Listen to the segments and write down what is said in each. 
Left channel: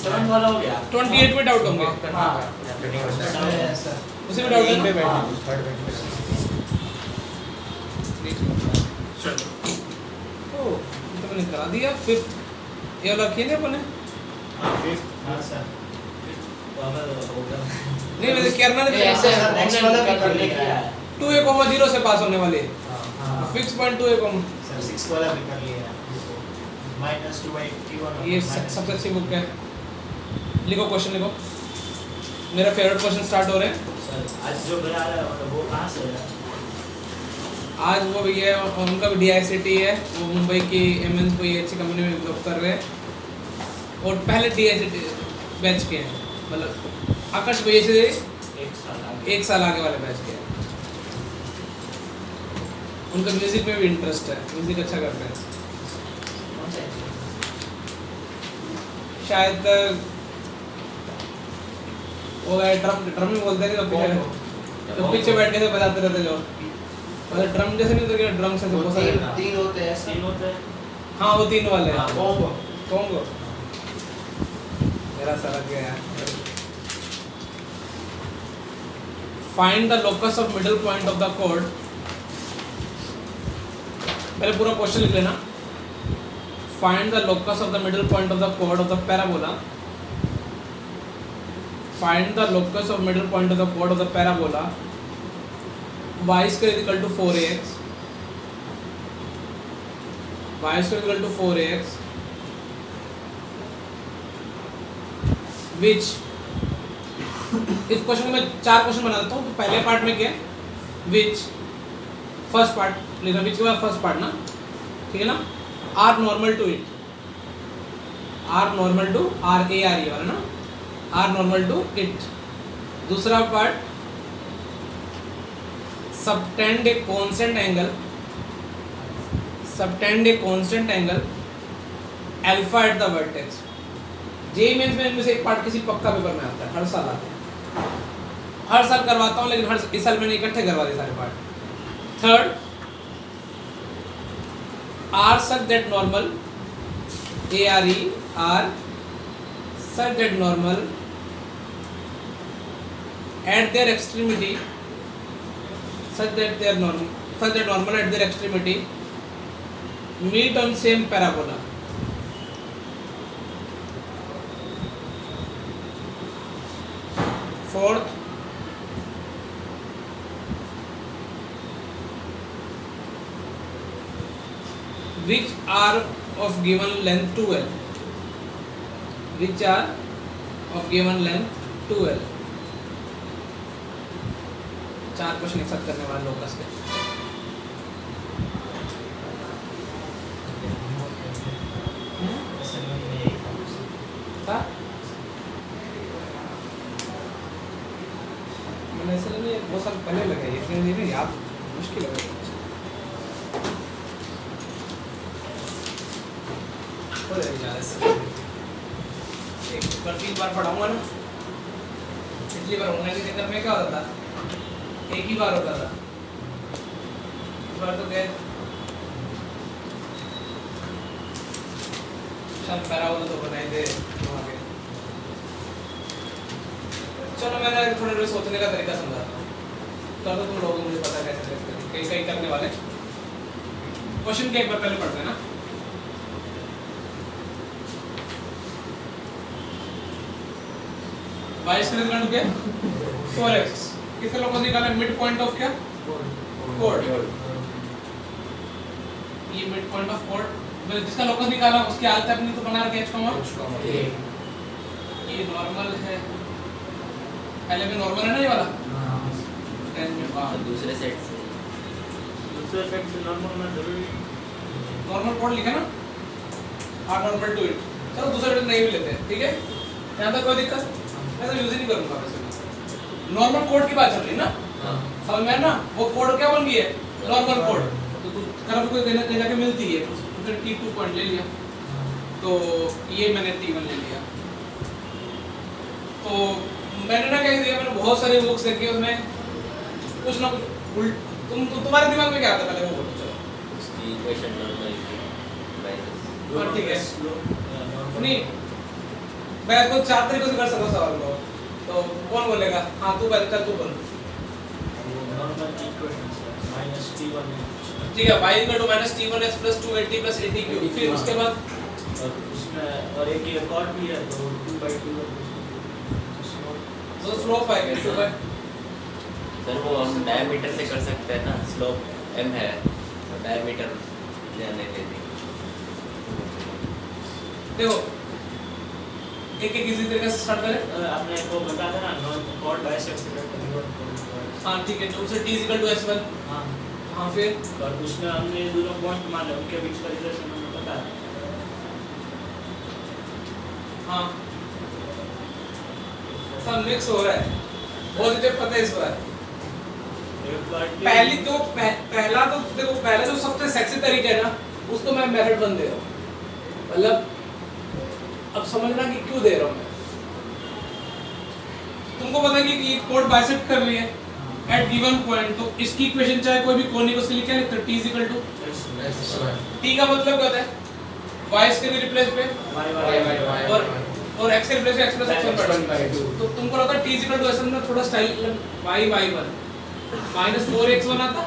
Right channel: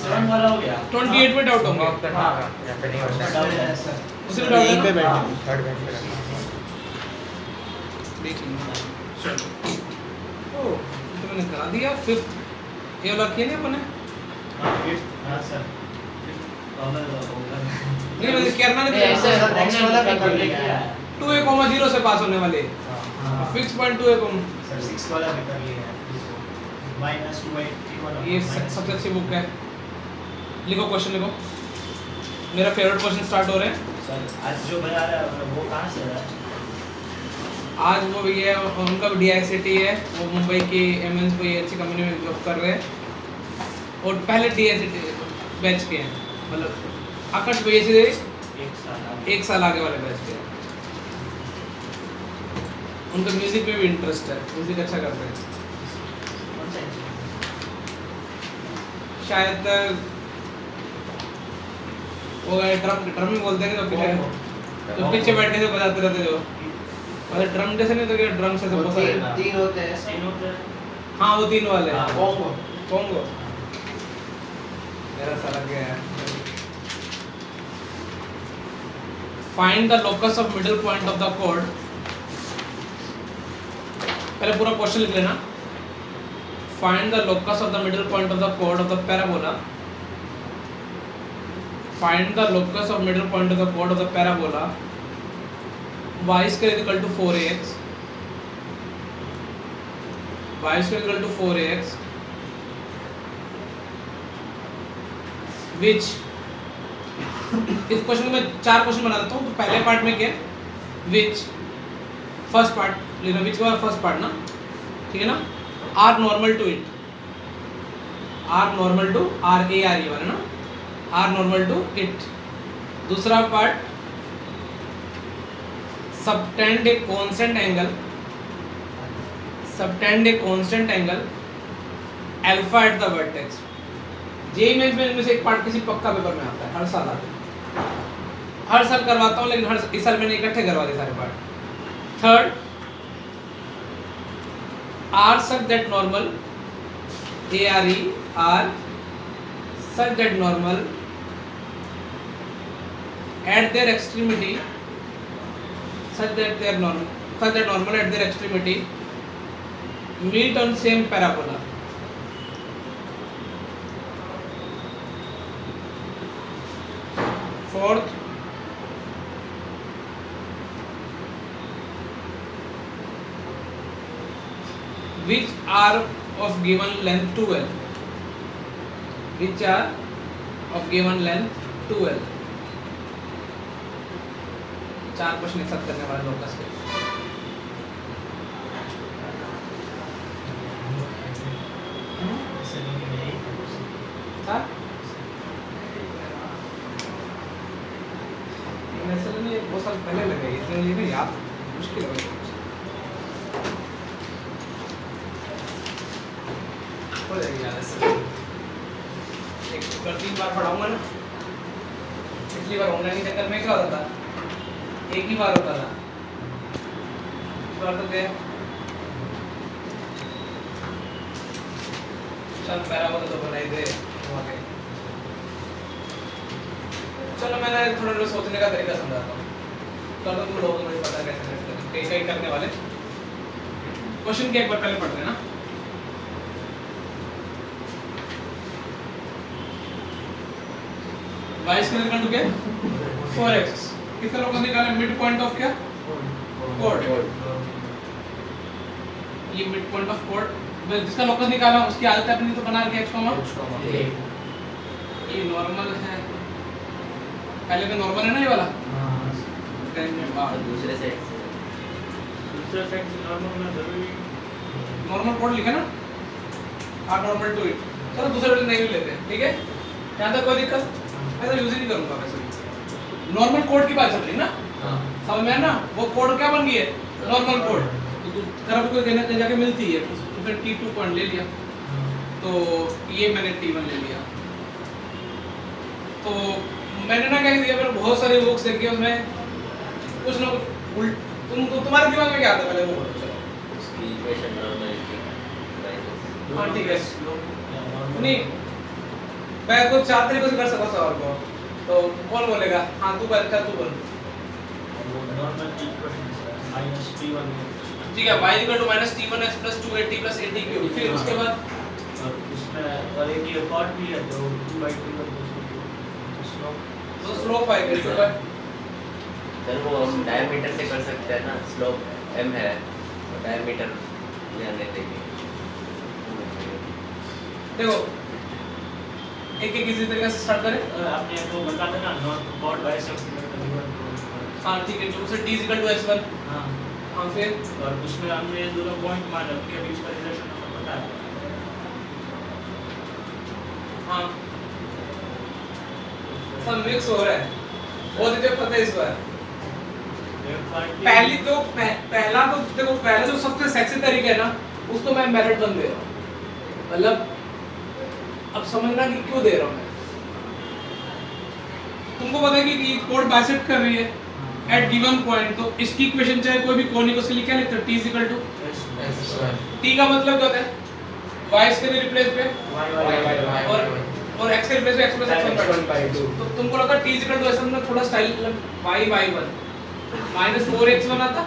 27 वाला हो गया 28 में डाउट होंगे हाँ उसी में डाउट है ना? चलो ओ तो मैंने करा दिया 5th ये वाला किया नहीं अपने हाँ सर नहीं मैंने करना नहीं ऐसे सर नेक्स्ट वाला भी कर लिया है 2 से पास होने वाले फिक्स पॉइंट 2 सर 6 वाला भी कर लिया है -2/t1 ये सबसे अच्छी बुक है लिखो क्वेश्चन लिखो मेरा फेवरेट क्वेश्चन स्टार्ट हो रहे हैं सर आज जो बना रहा है वो कहाँ से है आज वो भी है उनका भी DICT है वो मुंबई की एमएनसी कोई अच्छी कंपनी में जॉब कर रहे हैं और पहले DICT बैच के हैं मतलब आकाश भैया से 1 साल आगे वाले बैच के हैं उनका म्यूजिक में भी इंटरेस्ट है म्यूजिक अच्छा करते हैं शायद वो ड्रम ही बोलते हैं जो पीछे बैठने से बजाते रहते जो मतलब ड्रम जैसे नहीं होता कि ड्रम से बहुत सारे 3 होते हैं हाँ वो 3 वाले हाँ, कॉन्गो कॉन्गो मेरा सारा गया यार find the locus of middle point of the code पहले पूरा क्वेश्चन लिख लेना find the locus of the middle point of the code of the parabola find the locus of middle point of the chord of the parabola y square is equal to 4ax y square is equal to 4ax which इस question में 4 question बना देता हूँ तो पहले part में क्या which first part लेना which के बाद फर्स्ट पार्ट ना ठीक है ना r normal to it r normal to r a r ये वाला ना R normal to it दूसरा part subtend a constant angle alpha at the vertex JEE mains में इनमें से एक पार्ट किसी पक्का पेपर में आता है हर साल आता है हर साल करवाता हूँ लेकिन इस साल मैंने इकट्ठे करवा दिए सारे part third R such that normal ARE R such that normal at their extremity such that normal at their extremity meet on same parabola fourth which are of given length 2l which are of given length 2l 4 question एक साथ करने वाले locus के हाँ मैंने इसलिए नहीं बहुत साल पहले लगाई इसलिए मुझे नहीं याद मुश्किल हो गई हो जाएगी याद ऐसे एक बार 3 बार पढ़ाऊंगा ना पिछली बार ऑनलाइन के चक्कर में क्या होता था एक ही बार होता था इस बार तो गए चल पैराबोला तो बनाई दे वहाँ पे चलो मैंने थोड़ा सोचने का तरीका समझाता हूँ तो तुम लोगों को मुझे पता कैसे कई कई करने वाले क्वेश्चन के एक बार पहले पढ़ते हैं ना y स्क्वायर इक्वल टू क्या 4x किसका लोकस निकालना मिड पॉइंट ऑफ क्या कोड ये मिड पॉइंट ऑफ कोड जिसका लोकस निकाला उसकी आदत है अपनी तो बना दिया h कॉमा ये नॉर्मल है पहले तो नॉर्मल है ना ये वाला दूसरे सेट से नॉर्मल कोड लिखा ना आर नॉर्मल टू इट चलो दूसरे वेट नहीं भी लेते हैं ठीक है यहाँ तक कोई दिक्कत मैं तो यूज ही नहीं करूँगा वैसे नॉर्मल कोड की बात चल रही है ना समझ में है ना वो कोड क्या बन गई है नॉर्मल कोड तो तरफ को देने जाके मिलती है तो फिर T2 पॉइंट ले लिया तो ये मैंने T1 ले लिया तो मैंने ना क्या दिया मैंने बहुत सारे बुक्स देखी उसमें कुछ ना कुछ तुम्हारे दिमाग में क्या आता पहले वो बोलो चलो इसकी इक्वेशन नॉर्मल हाँ ठीक है नहीं मैं को 4 तरीकों से कर सकता हूँ सवाल को, तो कौन बोलेगा? हाँ तू कर, तू बोल। वो नॉर्मल इक्वेशन है माइनस t1 ठीक है, y equal to minus t1x plus 280 plus 80 cube. फिर उसके बाद और उसमें और एक ये और भी है तो 2/2 तो स्लोप आएगा इसके बाद। सर वो हम डायमीटर से कर सकते हैं ना, स्लोप m है तो डायमीटर जाने देंगे। देखो एक एक इसी तरीके से स्टार्ट करें। आपने तो बता था ना नॉट कॉड बाइसेक्टर हाँ ठीक है, तो उसे t इक्वल टू s1। हाँ हाँ फिर और उसमें हमने दोनों पॉइंट माना उनके बीच का रिलेशन हमें पता है। हाँ सब मिक्स हो रहा है, बहुत ही पता है इस बार। पहली तो पहला तो देखो, पहला जो सबसे सेक्सी तरीका है ना, उसको मैं मेथड बन दे रहा हूँ। मतलब अब समझना कि क्यों दे रहा हूँ मैं। तुमको पता है कि ये कोड बाइसेक्ट कर रही है एट गिवन पॉइंट, तो इसकी इक्वेशन चाहे कोई भी कोनिक उसके लिए क्या लिखते हैं? t इक्वल टू t का मतलब क्या होता है? y इसके लिए रिप्लेस पे और x के रिप्लेस पे x प्लस x1/2। तो तुमको लगता है t इक्वल टू s1 में थोड़ा स्टाइल y1 माइनस 4x1 आता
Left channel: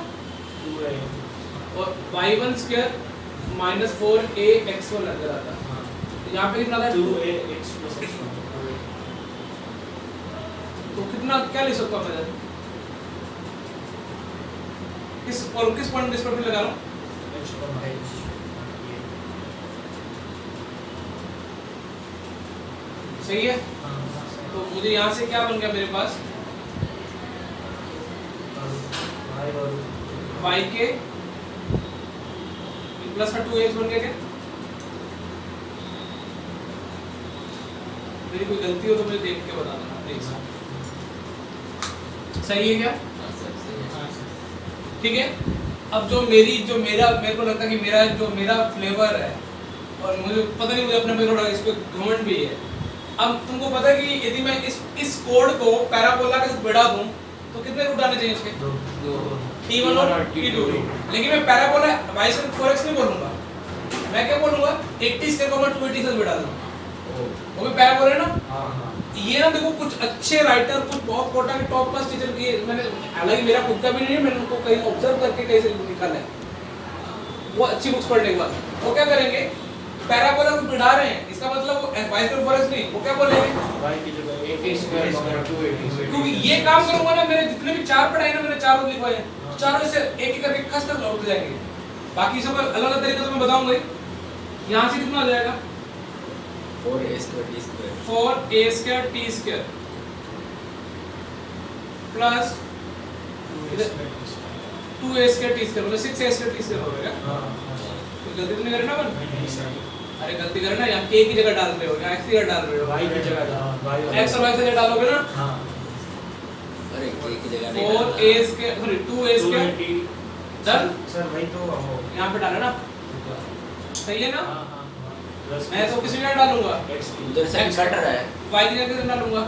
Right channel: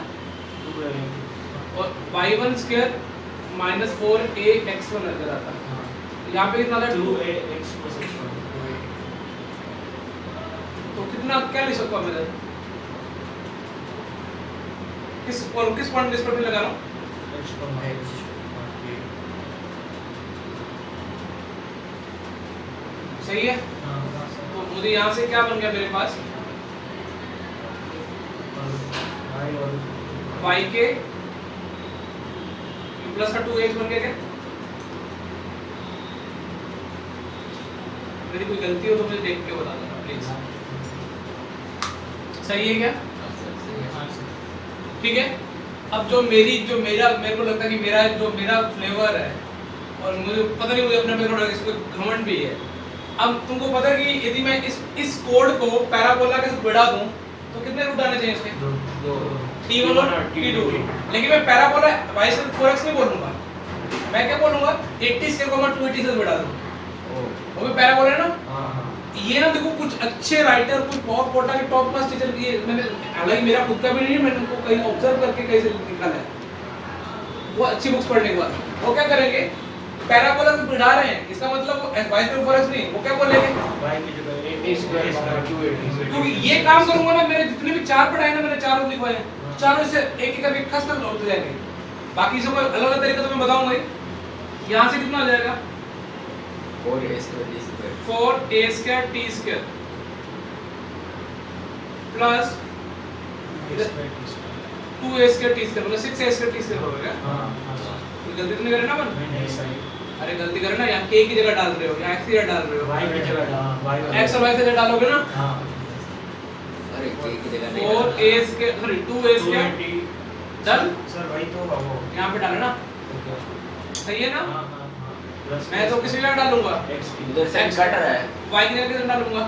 और y1 स्क्वायर माइनस 4ax1 अंदर आता। यहाँ पे कितना आता है? 2ax plus x1। तो कितना क्या लिख सकता हूँ मैं? किस पॉइंट इस पर लगा रहा हूँ? सही है। तो मुझे यहाँ से क्या बन गया मेरे पास? y के प्लस का 2x बन गया क्या? मेरी कोई गलती हो तो मुझे देख के बता देना प्लीज। सही है क्या? ठीक है। अब जो मेरे को लगता है कि मेरा फ्लेवर है और मुझे पता नहीं, मुझे अपने पे थोड़ा इस पे घमंड भी है। अब तुमको पता है कि यदि मैं इस कोड को पैराबोला के साथ बढ़ा दूं तो कितने रूट आने चाहिए इसके? t1 और t2। लेकिन मैं पैराबोला y से 4x नहीं बोलूंगा, मैं क्या बोलूंगा? 80 स्क्वायर को 280 से बढ़ा दूं, वो भी पैराबोला है ना। ये ना देखो, कुछ अच्छे राइटर, कुछ बहुत कोटा के टॉप क्लास टीचर की मैंने, हालांकि मेरा खुद का भी नहीं है, मैंने उनको कहीं ऑब्जर्व करके कहीं से निकाला है, वो अच्छी बुक्स पढ़ने के बाद वो क्या करेंगे? पैराबोला को बढ़ा रहे हैं, इसका मतलब वो y स्क्वायर 4x नहीं, वो क्या बोलेंगे? y की जगह 80 स्क्वायर 280। क्योंकि ये काम करूंगा ना, मेरे जितने भी 4 पढ़ाए ना, मैंने 4 रूट लिखवाए हैं, चारों से एक एक करके खस कर उठ जाएंगे। बाकी सब अलग अलग तरीका तो मैं बताऊंगा ही। यहाँ से कितना आ जाएगा? 4a square t square 4a square t square plus 2a square t square, मतलब 6a स्क्वायर t स्क्वायर हो गया। कोई गलती तो नहीं करे ना अपन? अरे गलती करे ना, यहाँ k की जगह डाल रहे हो, यहाँ x की जगह डाल रहे हो, y की जगह x और y की जगह डालोगे ना। हां अरे k की जगह 4a square sorry 2a square 280 done. Sir वही तो वो यहाँ पे डाले ना, सही है ना? हां मैं तो किसी जगह डालूंगा, x उधर से कट रहा है y की जगह किसे डालूंगा?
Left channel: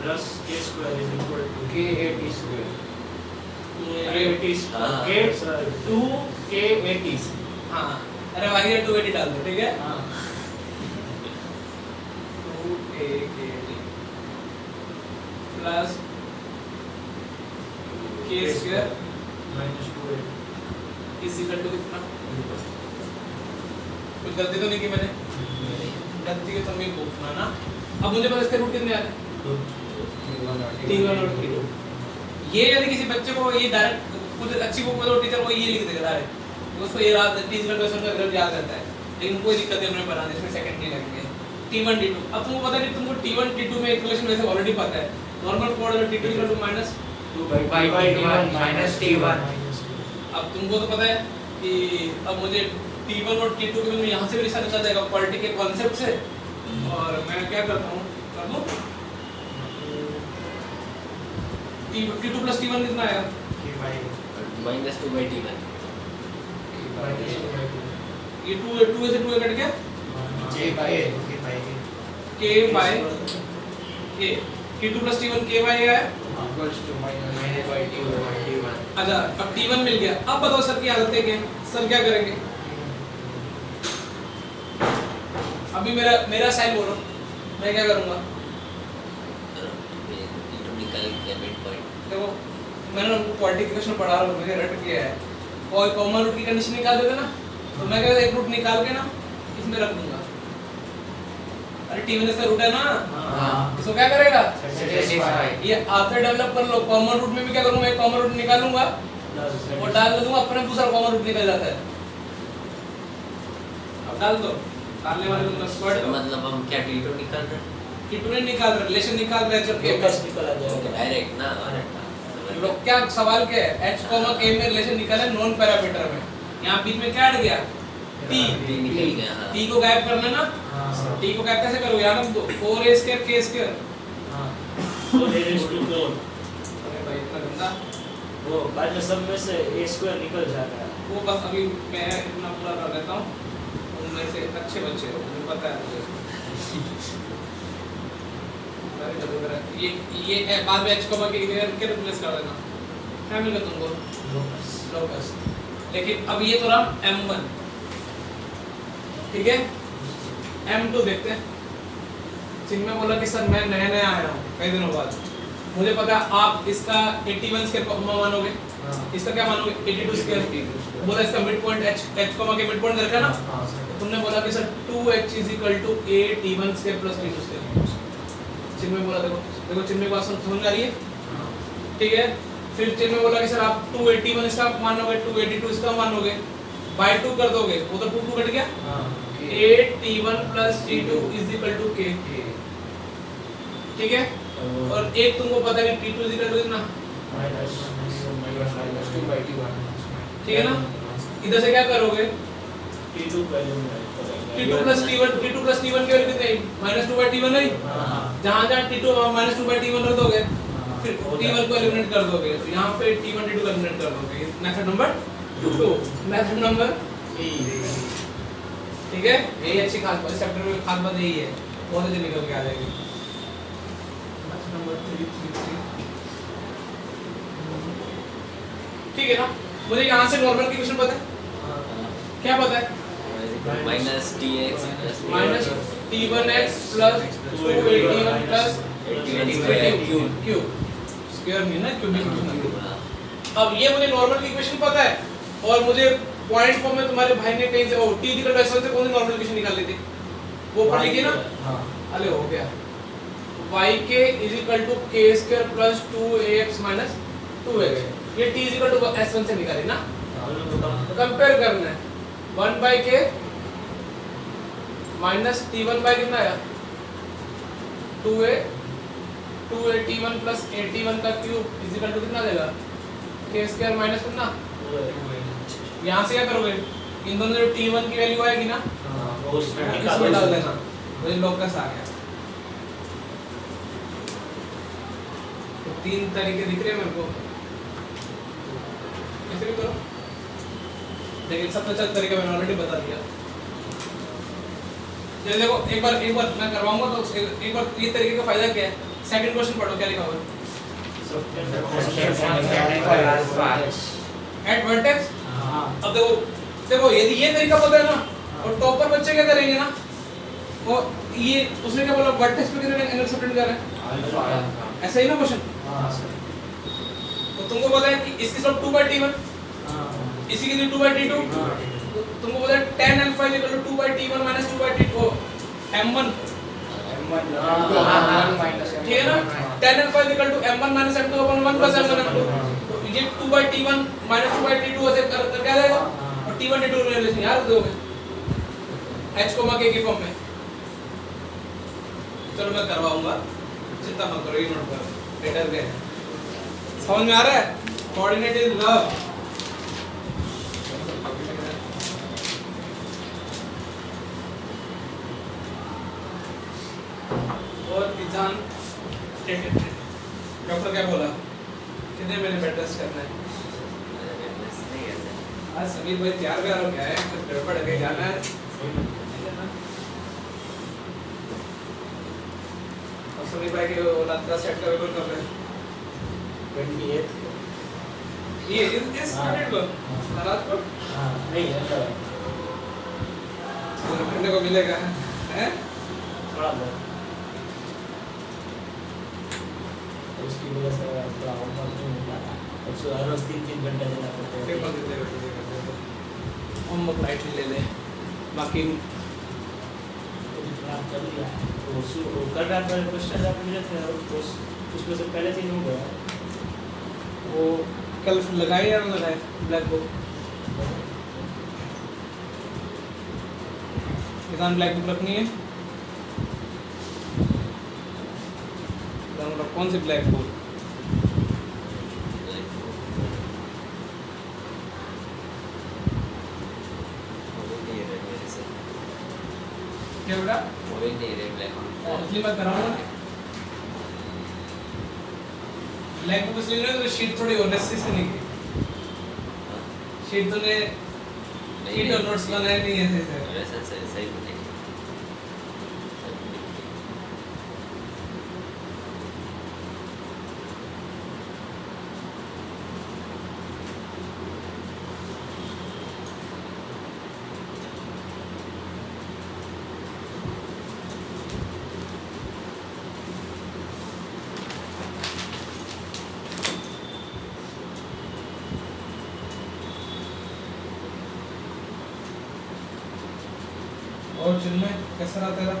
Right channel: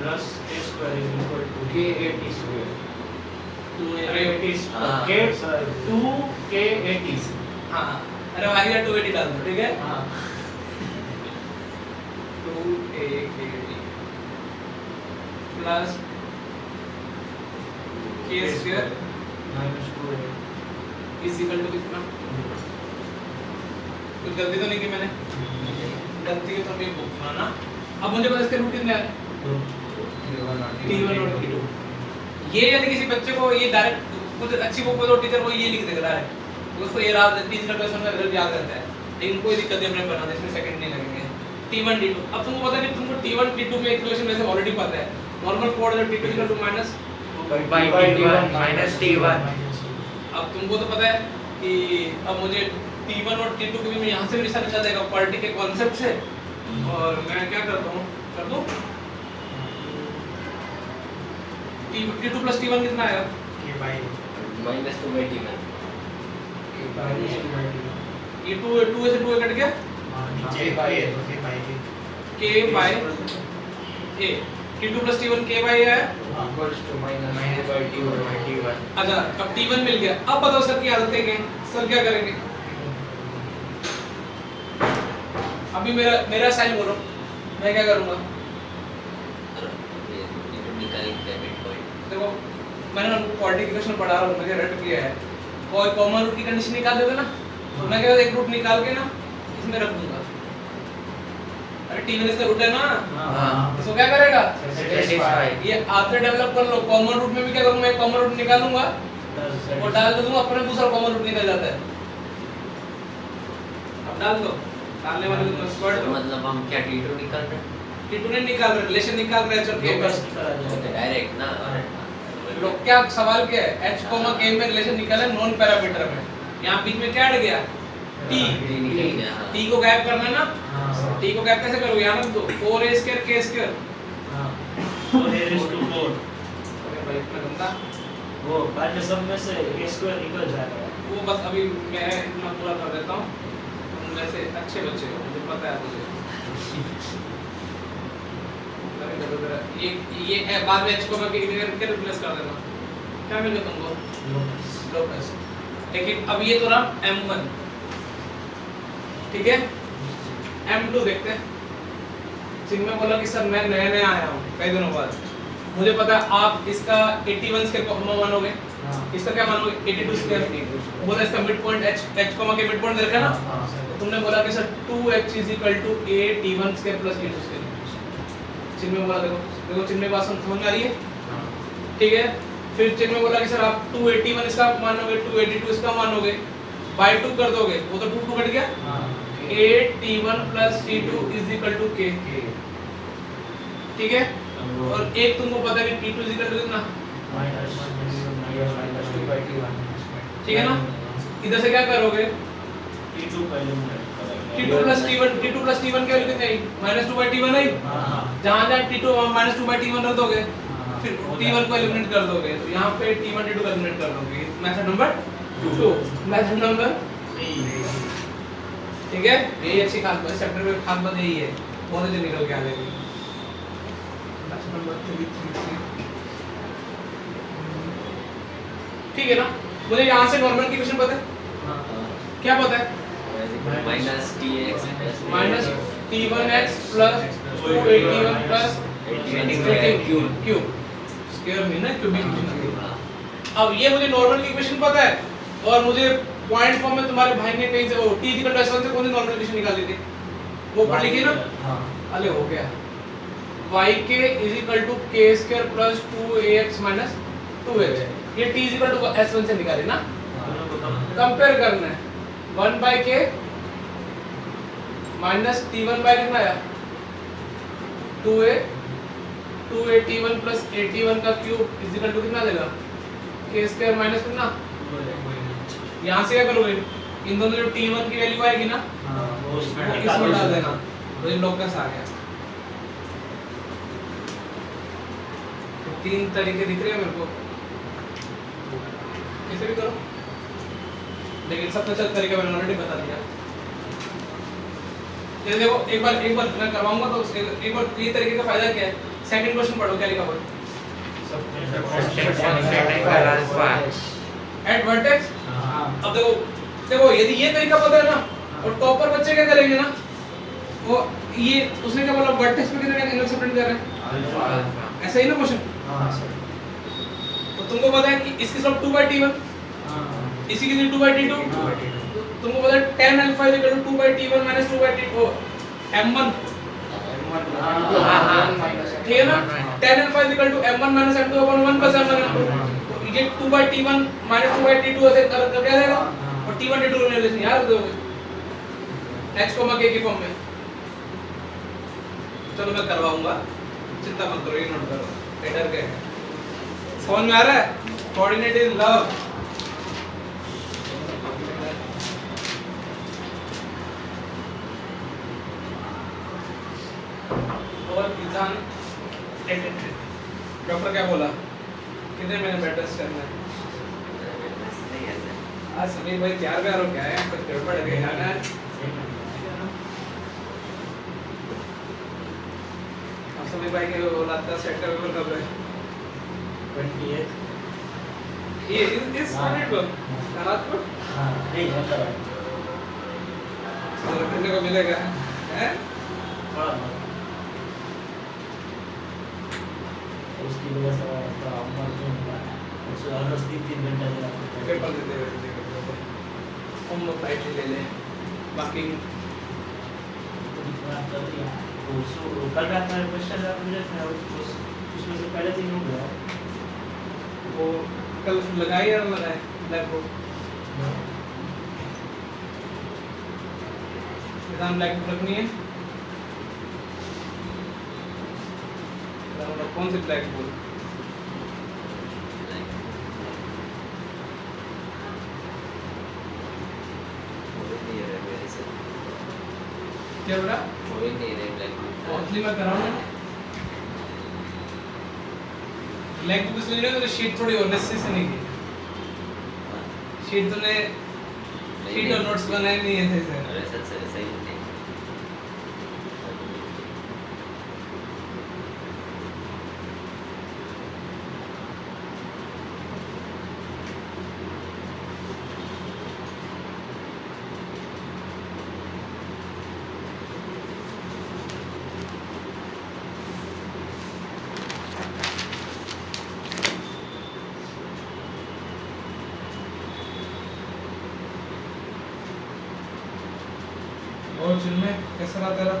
Plus a square is equal to k80 square अरे 80 हाँ। k 2k80 हाँ, अरे y की जगह 280 डाल दो, ठीक है? हां 2a plus k square minus 2 is equal to कितना? कुछ गलती तो नहीं की मैंने? गलती की तो मैं हाँ ना। अब मुझे पता इसके रूट कितने आ रहे हैं? t1 और t2। ये यदि किसी बच्चे को ये डायरेक्ट कुछ अच्छी बुक में तो टीचर वो ये लिख देगा डायरेक्ट, उसको ये याद टीचर क्वेश्चन में रिजल्ट याद रहता है, लेकिन कोई दिक्कत नहीं, मैंने बना दिया, इसमें सेकंड नहीं लगेंगे। t1 t2, अब तुमको पता नहीं, तुमको t1 t2 में एक रिलेशन वैसे ऑलरेडी पता है, नॉर्मल कोड है t2 equal to minus 2 minus t1। अब तुमको तो पता है कि अब मुझे t1 और t2 के बीच में यहाँ से भी रिश्ता निकाल जाएगा क्वालिटी के कॉन्सेप्ट से, और मैं क्या करता हूँ, कर दूँ t2 प्लस t1 कितना आएगा? माइनस 2/t का ये 2 से 2 कट गया, k bye a t2 plus t1 k bye a है। अच्छा, अब t1 मिल गया। अब बताओ सर की आदत क्या है? सर क्या करेंगे? अभी मेरा साइन बोलो, मैं क्या करूंगा? ये निकल के मिड पॉइंट देखो मैंने ना क्वाड्रेटिक इक्वेशन पढ़ा रहा हूँ, मैंने रट किया है, कोई कॉमन रूट की कंडीशन निकाल देते ना, तो मैं क्या एक रूट निकाल के ना इसमें रख दूंगा। अरे टी1 इसका रूट है ना, हाँ। इसको क्या करेगा? Satisfy। ये आते डेवलप कर लो। कॉमन रूट में भी क्या करूंगा, एक कॉमन रूट निकालूंगा वो डाल दूंगा, अपने दूसरा कॉमन रूट निकल जाता है। अब डाल दो, डालने वाले को स्क्वायर दो। मतलब हम क्या T2 निकाल रहे हैं T2 नहीं निकाल रहे, रिलेशन निकाल रहे हैं, के बस निकल आ जाएगा। डायरेक्ट ना लोग क्या सवाल क्या है, h k में रिलेशन निकाला है नॉन पैरामीटर में, यहाँ बीच में क्या अड़ गया? t निकल गया हाँ। t को गायब करना ना, हाँ। t को गायब कैसे करोगे? यहाँ ना 4a² k²। हाँ। So there is 2 4। अरे भाई इतना गंदा, वो बाद में सब में से a स्क्वायर निकल जाएगा। वो बस अभी मैं इतना पूरा कर देता हूँ, उनमें से अच्छे बच्चे हो, मुझे पता है मुझे। ये बाद में h को मैं के रिप्लेस कर देना, क्या मिलेगा तुमको? लोकस। लेकिन अब ये तो रहा m1, ठीक है? m2 देखते हैं। जिनमें बोला कि सर मैं नया नया आया हूँ कई दिनों बाद, मुझे पता है आप इसका 81 स्क्वायर मानोगे, इसका क्या मानोगे? 82 स्क्वायर। बोला इसका मिड पॉइंट h के मिड पॉइंट देखा ना, तो तुमने बोला कि sir 2h = a t1 square plus t2 square. चिन्ह में बोला, देखो देखो चिन्ह में बात समझ में आ रही है, ठीक है? फिर चिन्ह में बोला कि सर आप 281 इसका मानोगे, 282 इसका मानोगे, बाय 2 कर दोगे, वो तो 2 कट गया। a t1 plus t2 = k, ठीक है? और एक तुमको पता है कि t2 = कितना, ठीक है ना? इधर से क्या करोगे? T2 पहले t2 plus t1 क्या लिखते हैं? -2/t1 है। जहाँ जहाँ t2 -2/t1 रख दोगे, फिर t1 को एलिमिनेट कर दोगे, तो यहाँ पे t1 t2 को एलिमिनेट कर दोगे। Method number 2। Method number 3। ठीक है, यही अच्छी खास बात, चैप्टर में खास बात यही है, बहुत अच्छे निकल के आ जाएगी। मेथड नंबर 3 ठीक है ना? मुझे यहाँ से नॉर्मल की क्वेश्चन पता है, क्या पता है? Minus tx minus t1x plus 281 plus 81 cube square में ना क्यूबिक। अब ये मुझे नॉर्मल की इक्वेशन पता है, और मुझे पॉइंट फॉर्म में तुम्हारे भाई ने कहीं से वो t = s1 से कौन सी नॉर्मल इक्वेशन निकाल ली थी, वो पढ़ ली थी ना? अरे हो गया, yk = k² plus 2ax minus 2x, ये t = s1 से निकाली ना? कंपेयर करना है, 1/k माइनस t1 बाय कितना आया? 2a t1 प्लस a1 का क्यूब इक्वल टू कितना देगा? k² माइनस कितना? यहाँ से क्या करोगे? इन दोनों जो t1 की वैल्यू आएगी ना, वो उसमें इसमें डाल देना, तो इन लोग का सारे तो 3 तरीके दिख रहे हैं मेरे को, कैसे भी करो, लेकिन सबसे अच्छा तरीका मैंने ऑलरेडी बता दिया। ये देखो एक बार मैं करवाऊंगा तो एक बार ये तरीके का फायदा क्या है? सेकंड क्वेश्चन पढ़ो, क्या लिखा हुआ है? Eight vertex. अब देखो देखो यदि ये तरीका पता है ना, और टॉपर बच्चे क्या करेंगे ना, वो ये उसने क्या बोला, वर्टेक्स पे कितने एंगल सेपरेट कर रहे हैं, ऐसा ही ना क्वेश्चन? तो तुमको पता है कि इसकी सब 2/t1, इसी की 2/t2, तुमको पता है tan alpha = 2/t1 - 2/t2 m1, ठीक है ना? tan alpha = m1 - m2/1 + m1 m2, तो ये 2/t1 - 2/t2 ऐसे कर क्या देगा, और t1 t2 रिलेशन याद रख दोगे h k की फॉर्म में। चलो मैं करवाऊंगा, चिंता मत करो, ये नोट करो, बेटर क्या है, समझ में आ रहा है? Coordinate is love. और किसान डॉक्टर क्या बोला, कितने महीने बेड रेस्ट करना है? आज समीर भाई तैयार व्यार हो क्या है, कुछ गड़बड़ है, जाना है? अब समीर भाई के रात का सेट का कब है? 28 ये इस डेट को रात को नहीं होता है, करने को मिलेगा, हैं? थोड़ा बहुत। की वजह से थोड़ा होमवर्क नहीं मिला उसको हर रोज 3 घंटा देना पड़ता है पेपर दे दे होमवर्क लाइटली ले ले बाकी तो खराब कर दिया तो कल रात मैंने क्वेश्चन मुझे उसमें से पहले से नहीं बोला वो कल लगाए या ना लगाए black board exam black board रखनी है कौन सी ब्लैक बोर्ड क्या बोला वही नहीं रहे ब्लैक इसलिए मैं कर रहा हूँ ब्लैक बुक इसलिए नहीं तो शीट थोड़ी ऑनेस्टी से नहीं की शीट तो ने शीट और नोट्स बनाए नहीं है अरे सही नहीं और चिन्मय कैसा रहा तेरा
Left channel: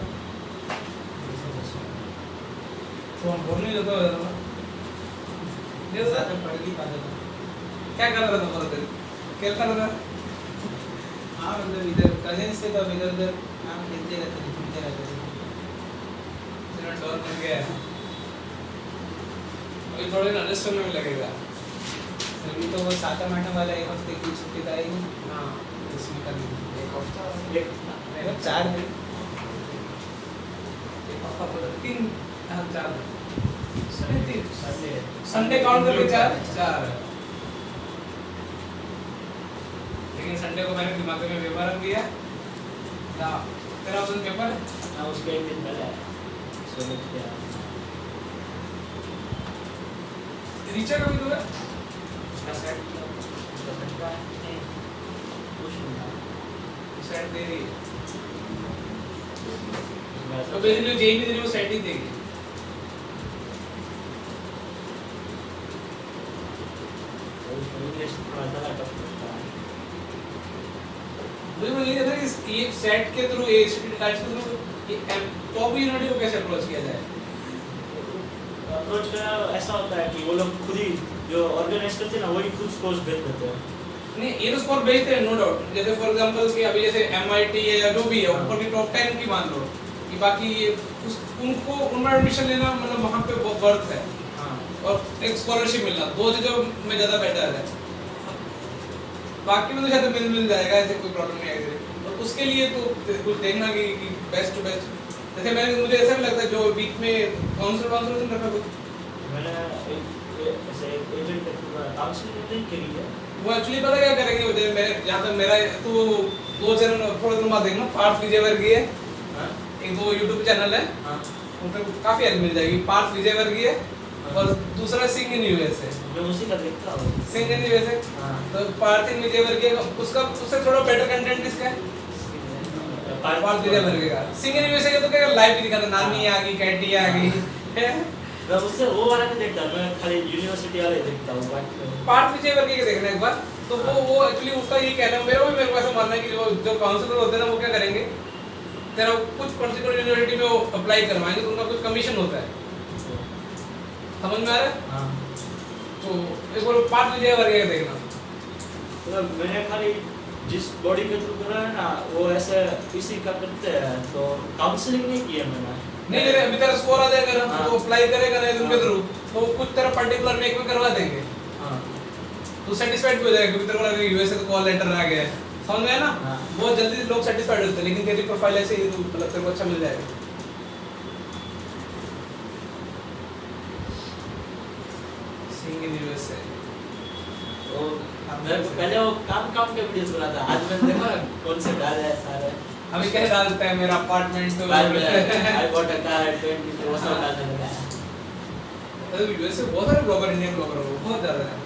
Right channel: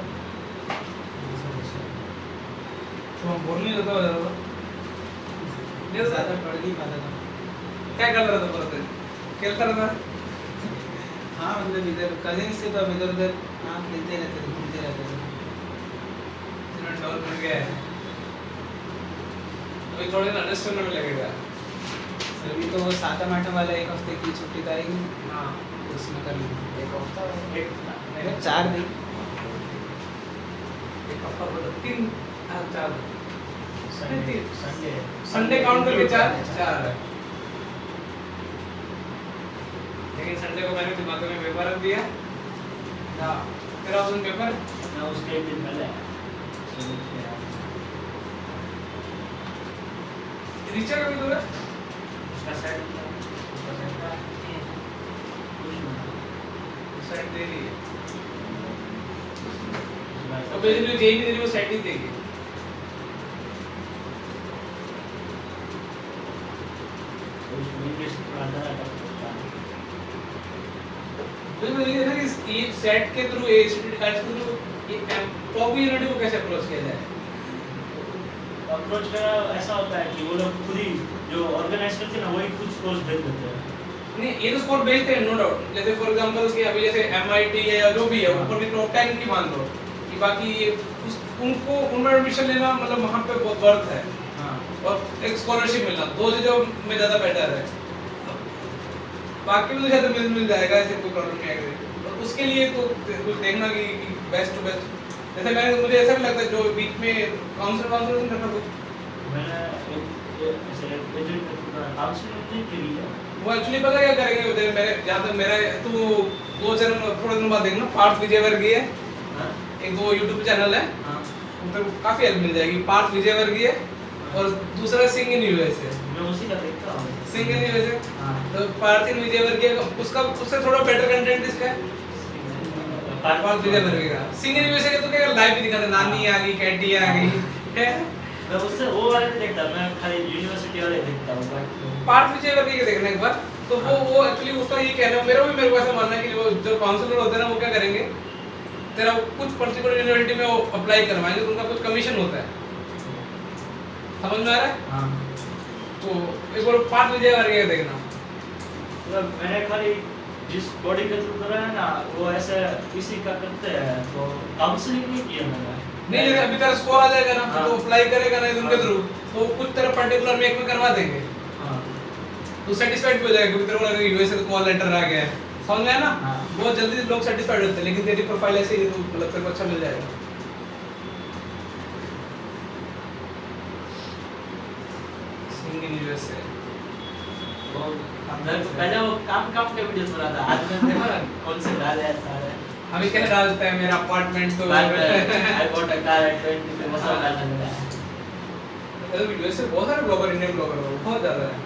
तो हम बोल नहीं देता हो ज़्यादा ये ज़्यादा पढ़ नहीं पाता था क्या कर रहा था पूरा दिन खेलता रहा था हाँ मतलब इधर कजिन्स थे तो अब इधर उधर हाँ खेलते रहते थे घूमते रहते थे चिन्मय डाउन कर गया है अभी थोड़े दिन एडजस्ट करने में लगेगा अभी तो सातम आठम वाला 1 हफ्ते की छुट्टी तो आएगी हाँ उसमें कर लेंगे 1 हफ्ता एक नहीं 4 दिन एक हफ्ता बोला 3 हाँ 4 संडे संडे काउंट करके 4 है लेकिन संडे को मैंने दिमाग में पेपर रख दिया ना तेरा उस दिन पेपर ना उसके एक दिन पहले चलो क्या रीचा कभी दूर है उसका सेट कुछ नहीं सेट दे रही है था तो बेसिकली जेई भी दे रही वो सेट ही देगी उसको इंग्लिश थोड़ा ज़्यादा टफ लगता है मुझे बताइए ना कि ये सेट के थ्रू ए स्टूडेंट कार्ड के थ्रू टॉप यूनिवर्सिटी को कैसे अप्रोच किया जाए अप्रोच का ऐसा होता है कि वो लोग खुद ही जो ऑर्गेनाइज करते हैं ना वही खुद कोर्स भेज देते हैं नहीं ये तो स्कोर भेजते हैं नो डाउट जैसे फॉर एग्जांपल कि अभी जैसे एमआईटी है या जो भी है ऊपर की टॉप 10 की मान लो कि बाकी ये उनको उनमें एडमिशन लेना मतलब वहाँ पे बहुत वर्थ है हाँ और एक स्कॉलरशिप मिलना दो चीजों में ज़्यादा बेटर है बाकी में तो शायद मिल जाएगा ऐसे कोई प्रॉब्लम नहीं आएगी और उसके लिए तो कुछ देखना कि बेस्ट टू बेस्ट जैसे मैंने मुझे ऐसा भी लगता है जो बीच में काउंसलर नहीं करना तो मैंने ऐसे एजेंट को काउंसलिंग नहीं करी है वो एक्चुअली पता क्या करेंगे वो मेरे जहाँ तक मेरा तो 2 चैनल थोड़े दिन बाद देखना पार्थ विजयवर्गीय है हाँ एक 2 यूट्यूब चैनल है हाँ उन पर काफी हेल्प मिल जाएगी पार्थ विजयवर्गीय और दूसरा सिंह इन यूएस है जो उसी का देखता हूँ सिंह इन यूएस है हाँ तो पार्थ इन विजयवर्गीय उसका उससे थोड़ा बेटर कंटेंट इसका है पार्थ विजयवर्गीय का सिंह इन यूएस का तो क्या लाइव भी दिखाता नानी आ गई कैटी आ गई है मैं उससे वो वाला नहीं देखता मैं खाली यूनिवर्सिटी वाले देखता हूँ बट पार्थ विजयवर्गीय का देखना एक बार तो वो एक्चुअली उसका ये कहना है मेरे को ऐसा मानना है कि वो जो काउंसलर होते हैं ना वो क्या करेंगे तेरा कुछ पर्टिकुलर यूनिवर्सिटी में वो अप्लाई करवाएंगे तो उनका कुछ कमीशन होता है समझ में आ रहा है हाँ तो एक बार पार्थ विजयवर्गीय का देखना मतलब मैंने खाली जिस बॉडी के थ्रू करा है ना वो ऐसे इसी का करते हैं तो काउंसलिंग नहीं किया मैंने नहीं जैसे अभी तेरा स्कोर आ जाएगा ना हाँ। तो अप्लाई करेगा ना उनके थ्रू तो कुछ तेरा पर्टिकुलर में एक में करवा देंगे हाँ तो सेटिस्फाइड भी हो जाएगा क्योंकि तेरे को लगा यूएस से कॉल लेटर आ गया है समझ गया ना हाँ। बहुत जल्दी लोग सेटिस्फाइड होते हैं लेकिन तेरी प्रोफाइल ऐसे ही तो मतलब तेरे को अच्छा मिल जाएगा सिंगिंग यूएस से मैं पहले वो काम के वीडियोस बनाता आज मैं देखा कौन से डाल है सारे अभी क्या डालता है मेरा अपार्टमेंट तो I bought a car eight 20 वो सब डालने लगा है मतलब यूएस से बहुत सारे ब्लॉगर इंडियन ब्लॉगर हो बहुत ज्यादा है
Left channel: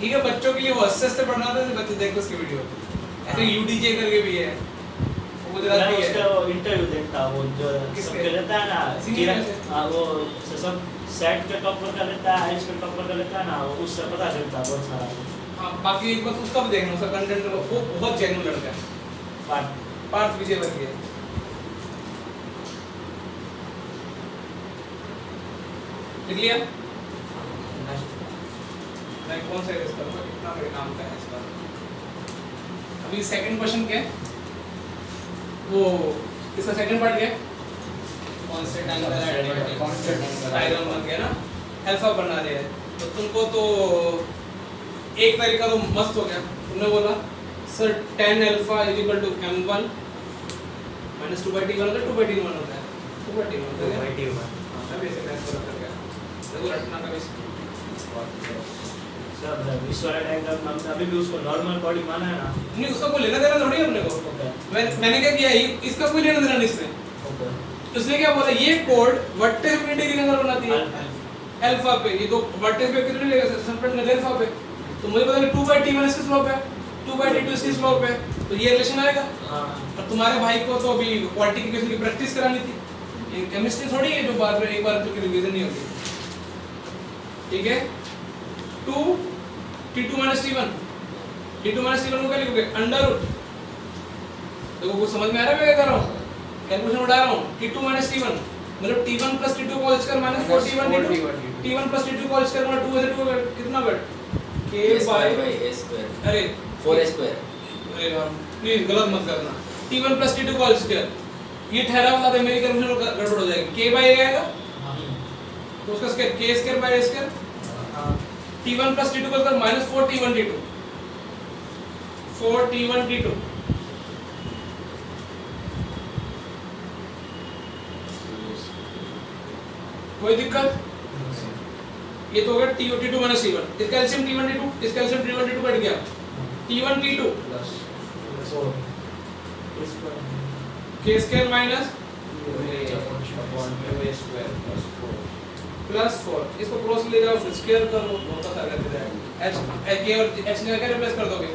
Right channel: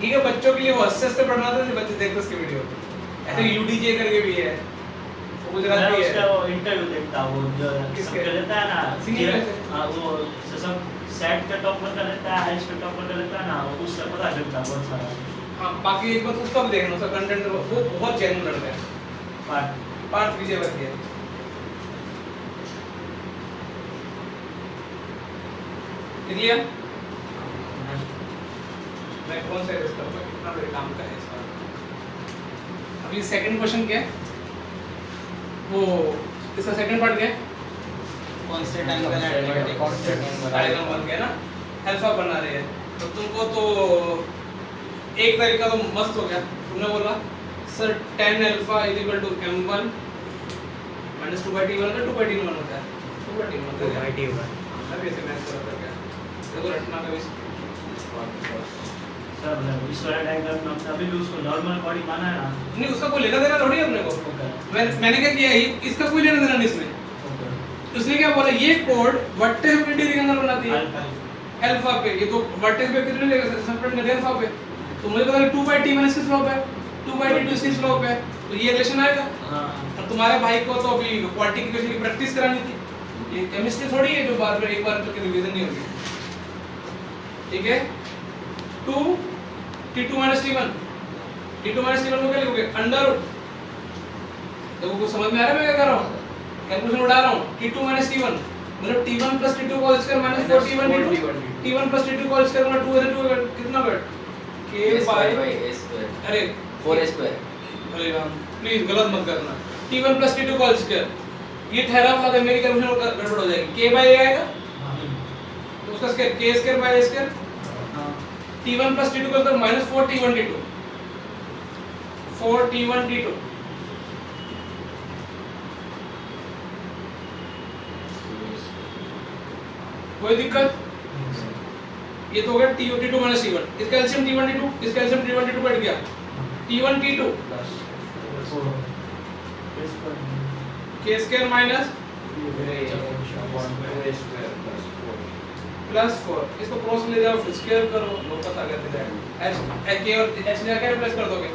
ठीक है बच्चों के लिए वो हंसते पढ़ना था बच्चे देखते उसकी वीडियो ऐसे यूडीजे करके भी है वो मैं गुजराती उसका है वो इंटरव्यू देखता हूँ वो जो किसके? सबके रहता है ना सिंगिंग हाँ वो सब सेट के टॉप पर कर लेता है, एच पे टॉप पर कर लेता है ना, वो उससे पता चलता है बहुत सारा हाँ बाकी एक बार उसका भी देखना, उसका कंटेंट वो बहुत जेन्युइन लड़का है। पार्थ विजयवर्गीय है। लिख लिया? मैं कौन सा यूज करूँगा, कितना बड़े काम का है इसका। अभी सेकंड क्वेश्चन क्या है, वो इसका सेकंड पार्ट क्या है, कांस्टेंट एंगल डायग्राम बन गया ना, अल्फा बना रहे हैं। तो तुमको तो एक तरीका तो मस्त हो गया, तुमने बोला sir tan alpha is equal to m1 minus 2/t1 अगर 2/t1 होता है 2/t1 होता है अब ऐसे मैच कर गया देखो रटना का भी सर विजुअल डायग्राम में अभी भी उसको नॉर्मल बॉडी माना है ना। नहीं, उसका कोई लेना देना थोड़ी है अपने को। मैंने क्या किया, इसका कोई लेना देना नहीं इसमें। उसने क्या बोला, ये कोड वर्टेक्स पे कितने डिग्री का एंगल बनाती है, अल्फा पे। ये तो वर्टेक्स पे कितने डिग्री का सस्पेंड कर दिया अल्फा पे, तो मुझे पता है 2/t1 इसकी स्लोप है, 2/t2 इसकी स्लोप है, तो ये रिलेशन आएगा। और तुम्हारे भाई को तो अभी क्वांटिटी इक्वेशन की प्रैक्टिस करानी थी, ये केमिस्ट्री थोड़ी है जो बाद में एक बार करके रिवीजन नहीं होगी। ठीक है, 2t2 - t1, t2 - t1 को क्या लिखोगे, अंडर रूट। देखो कुछ समझ में आ रहा है मैं क्या कर रहा हूँ, कैलकुलेशन उड़ा रहा हूँ। t2 - t1 मतलब t1 + t2 whole square minus 4t1 t2, t1 + t2 whole square मतलब 2 है 2 कितना बैठ k by a square अरे 4a square। अरे यार नहीं गलत मत करना, t1 + t2 होल स्क्वायर ये ठहरा वाला था, मेरी कैलकुलेशन गड़बड़ हो जाएगी। k by a आएगा तो उसका square k square by a square, t1 + t2 करता है -4t1 t2, 4t1 t2। कोई दिक्कत, ये तो हो गया t2 - t1, इसका एलसीएम t1 t2, इसका एलसीएम t1 t2 बैठ गया, t1 t2 k square minus +4, इसको क्रॉस ले जाओ फिर स्क्वायर करो, वो पता करते जाएगा h k और h ने क्या रिप्लेस कर दोगे,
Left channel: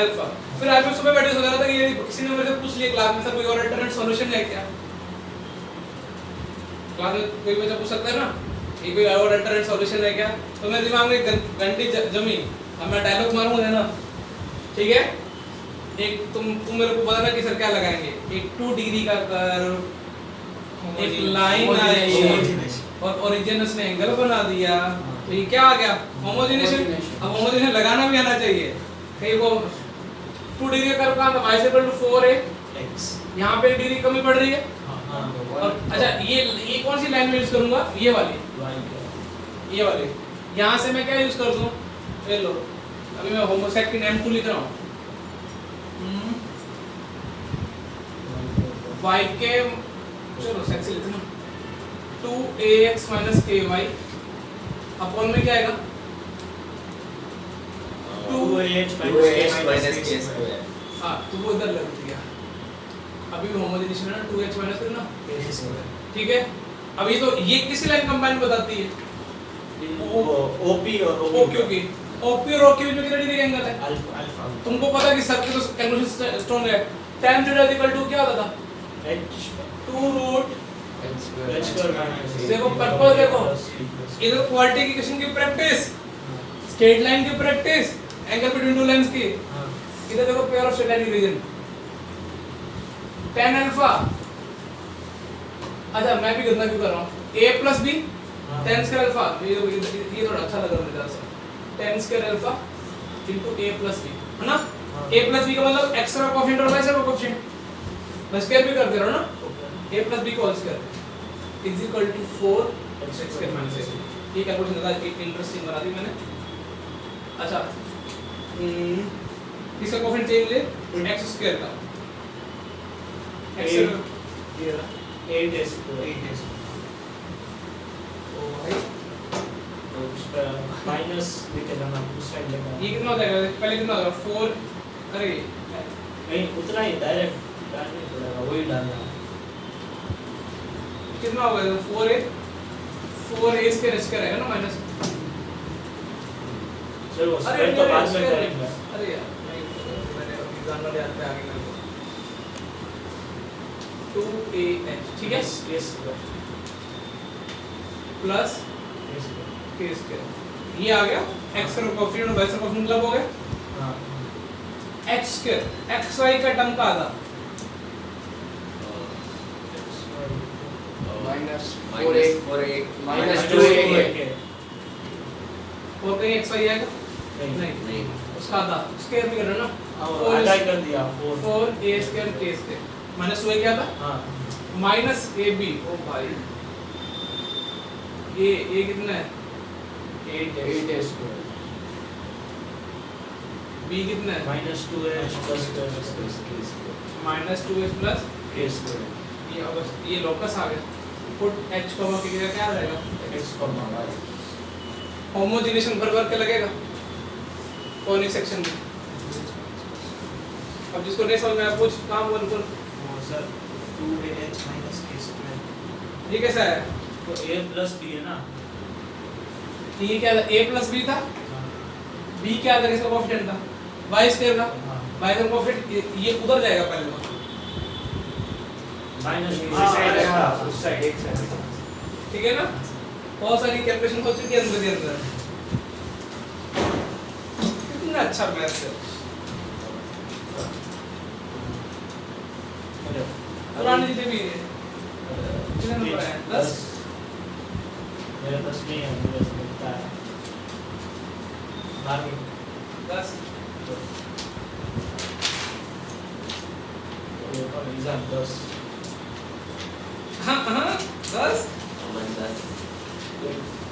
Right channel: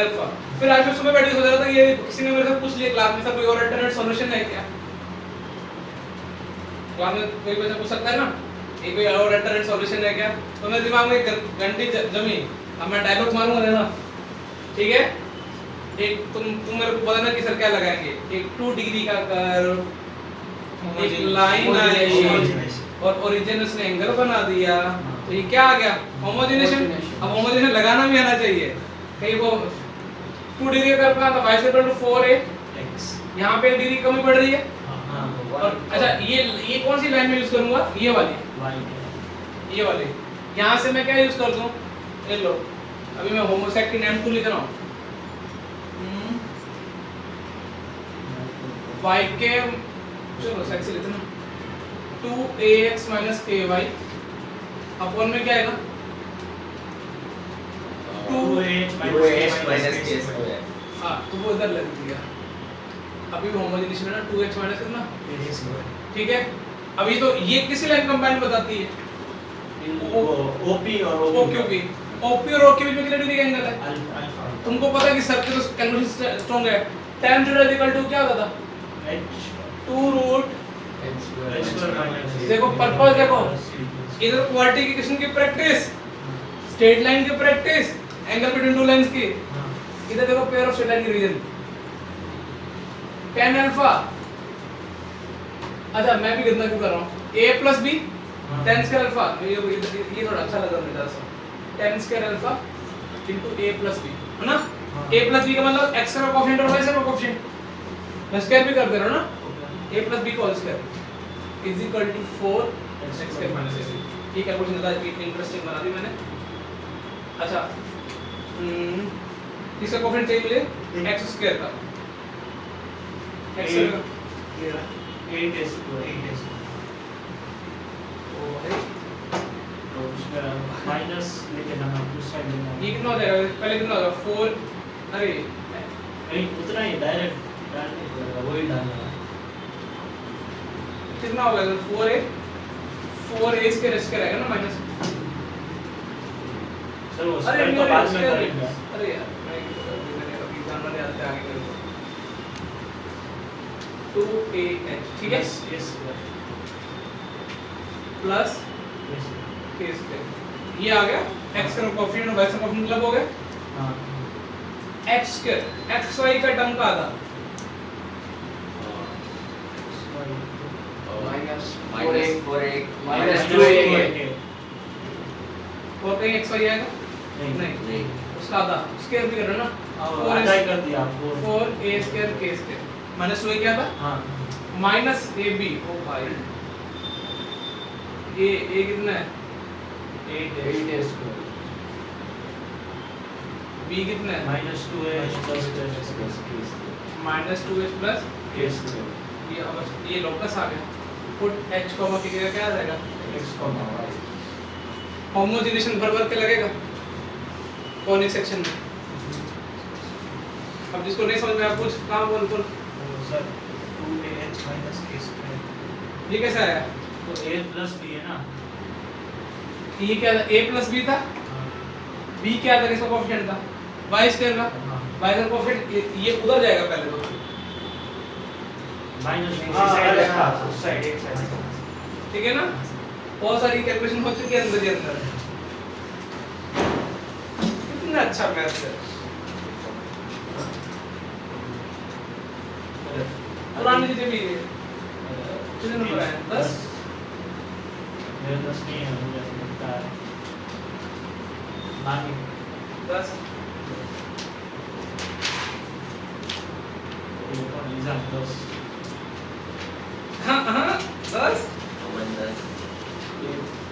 अल्फा। फिर आज मैं सुबह बैठ के सोच रहा था कि ये किसी ने मेरे से पूछ लिया क्लास में, सब कोई और अल्टरनेट सॉल्यूशन है क्या, क्लास में कोई बच्चा पूछ सकता है ना, ये कोई और अल्टरनेट सॉल्यूशन है क्या, तो मेरे दिमाग में एक घंटी जमी, अब मैं डायलॉग मारूंगा ना, ठीक है। एक तुम मेरे को बताना कि सर क्या लगाएंगे, एक 2 डिग्री का कर्व, एक लाइन आई और ओरिजिन उसने एंगल बना दिया, तो ये क्या आ गया, होमोजिनेशन। अब होमोजिनेशन लगाना भी आना चाहिए, कहीं वो 2 डिग्री का कर्व का y = 4a, यहाँ पे 1 डिग्री कमी पड़ रही है। और अच्छा ये कौन सी लाइन में यूज करूंगा, ये वाली, ये वाली। यहाँ से मैं क्या यूज कर दूं, ये लो, अभी मैं होमोसेक की नेम 2 लिख रहा हूँ, y के चलो सेक्स लिखते हैं 2ax - ay अपॉन में क्या आएगा 2h - k square। हाँ तो वो इधर लग दिया, अभी भी होमोजेनिटी है ना, 2h माइनस कितना, ठीक है। अभी तो ये किसी लाइन कंबाइन बताती है, OP और OQP, OP और OQ में कितना डिग्री का एंगल है, अल्फा। तुमको पता है कि सबके तो कैलकुलेशन स्ट्रांग है। tan θ = क्या होता था, 2 रूट देखो पर्पस देखो, इधर क्वाड्रेटिक इक्वेशन की प्रैक्टिस, स्ट्रेट लाइन की practice, angle between two lines की, इधर देखो पेयर ऑफ स्ट्रेट लाइन की रीजन tan अल्फा। अच्छा मैं भी कितना क्यों कर रहा हूँ, a + b tan square alpha, ये थोड़ा अच्छा लगा मुझे दरअसल, tan square alpha * a + b है ना, a + b का मतलब x का कोएफिशिएंट और y का कोएफिशिएंट, मैं स्क्वायर भी कर दे रहा हूँ ना, a + b का whole square = 4 x square - a। ये कैलकुलेशन ज़्यादा इंटरेस्टिंग बना दी मैंने। अच्छा इसका कोएफिशिएंट चाहिए मुझे x स्क्वायर का, x स्क्वायर 8s तो है तो उसका माइनस लेके जाना, उस साइड लेना। ये कितना हो जाएगा, पहले कितना होगा 4, अरे नहीं उतना ही डायरेक्ट वही डालना है। कितना होगा 4a स्क्वायर रहेगा ना माइनस, चलो अरे उसको तो बाद में करेंगे। अरे यार मैंने एग्जाम वाले आते आगे कर 2ah, ठीक है। यस प्लस के स्क्वायर। ये आ गया x का कोएफिशिएंट और y का कोएफिशिएंट मतलब हो गया हाँ x स्क्वायर x y का टर्म का आधा माइनस -4 माइनस 2 और कहीं x y आएगा नहीं नहीं उसका आधा स्क्वायर भी करना ना और आधा ही कर दिया 4a square k square minus 2 क्या था हाँ माइनस ab ओ भाई ये कितना है 8 b कितना है -2h plus minus 2h plus k square ये अगर ये लोकस आ गया पुट h कॉमा k का क्या आ जाएगा x comma y होमोजेनेशन बराबर क्या लगेगा कौन सेक्शन में अब जिसको नहीं समझ में आया पूछ काम बोल sir 2ah minus k square ये कैसा आया तो a plus b है ना ये क्या था a प्लस b था b क्या था किसका कोएफिशिएंट था y स्क्वायर का y का कोएफिशिएंट ये उधर जाएगा पहले तो माइनस साइड एक साइड ठीक है ना बहुत सारी कैलकुलेशन हो चुकी है अंदर ही अंदर कितना अच्छा मैथ्स है पुरानी चीजें भी है कितने नंबर आए 10 मेरा 10 नहीं है मुझे ऐसा लगता है बाकी 10 वो तो एग्जाम 10 हाँ 10